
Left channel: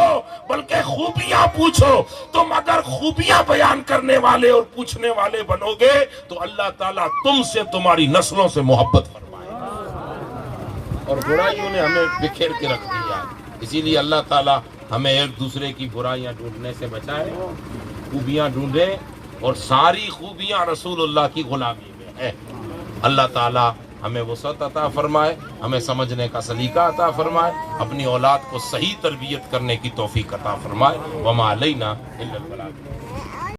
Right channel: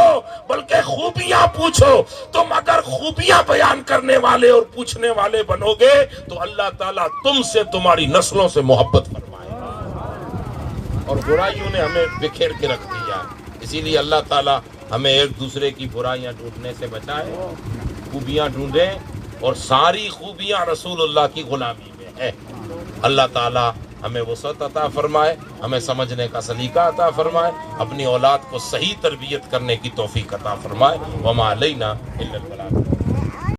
بلکہ خوبیاں پوچھو۔ تم اگر خوبیاں بیان کرنے والے اور پوچھنے والے بنو گے تو اللہ تعالیٰ تم سے، تمہاری نسلوں سے محبت فرمائے گا۔ اور برائیوں نے ہمیں بکھیر کے رکھ دیا، اسی لیے اللہ تعالیٰ ہمیں ایک دوسرے کی برائیاں ڈھونڈنے سے بچائے، خوبیاں ڈھونڈیں، اور ساری خوبیاں رسول اللہ کی غلامی میں ہیں۔ اللہ تعالیٰ ہمیں وسعت عطا فرمائے، ہمیں سمجھنے کا سلیقہ عطا فرمائے، اپنی اولاد کو صحیح تربیت کرنے کی توفیق عطا فرمائے۔ وما علینا الا البلاغ۔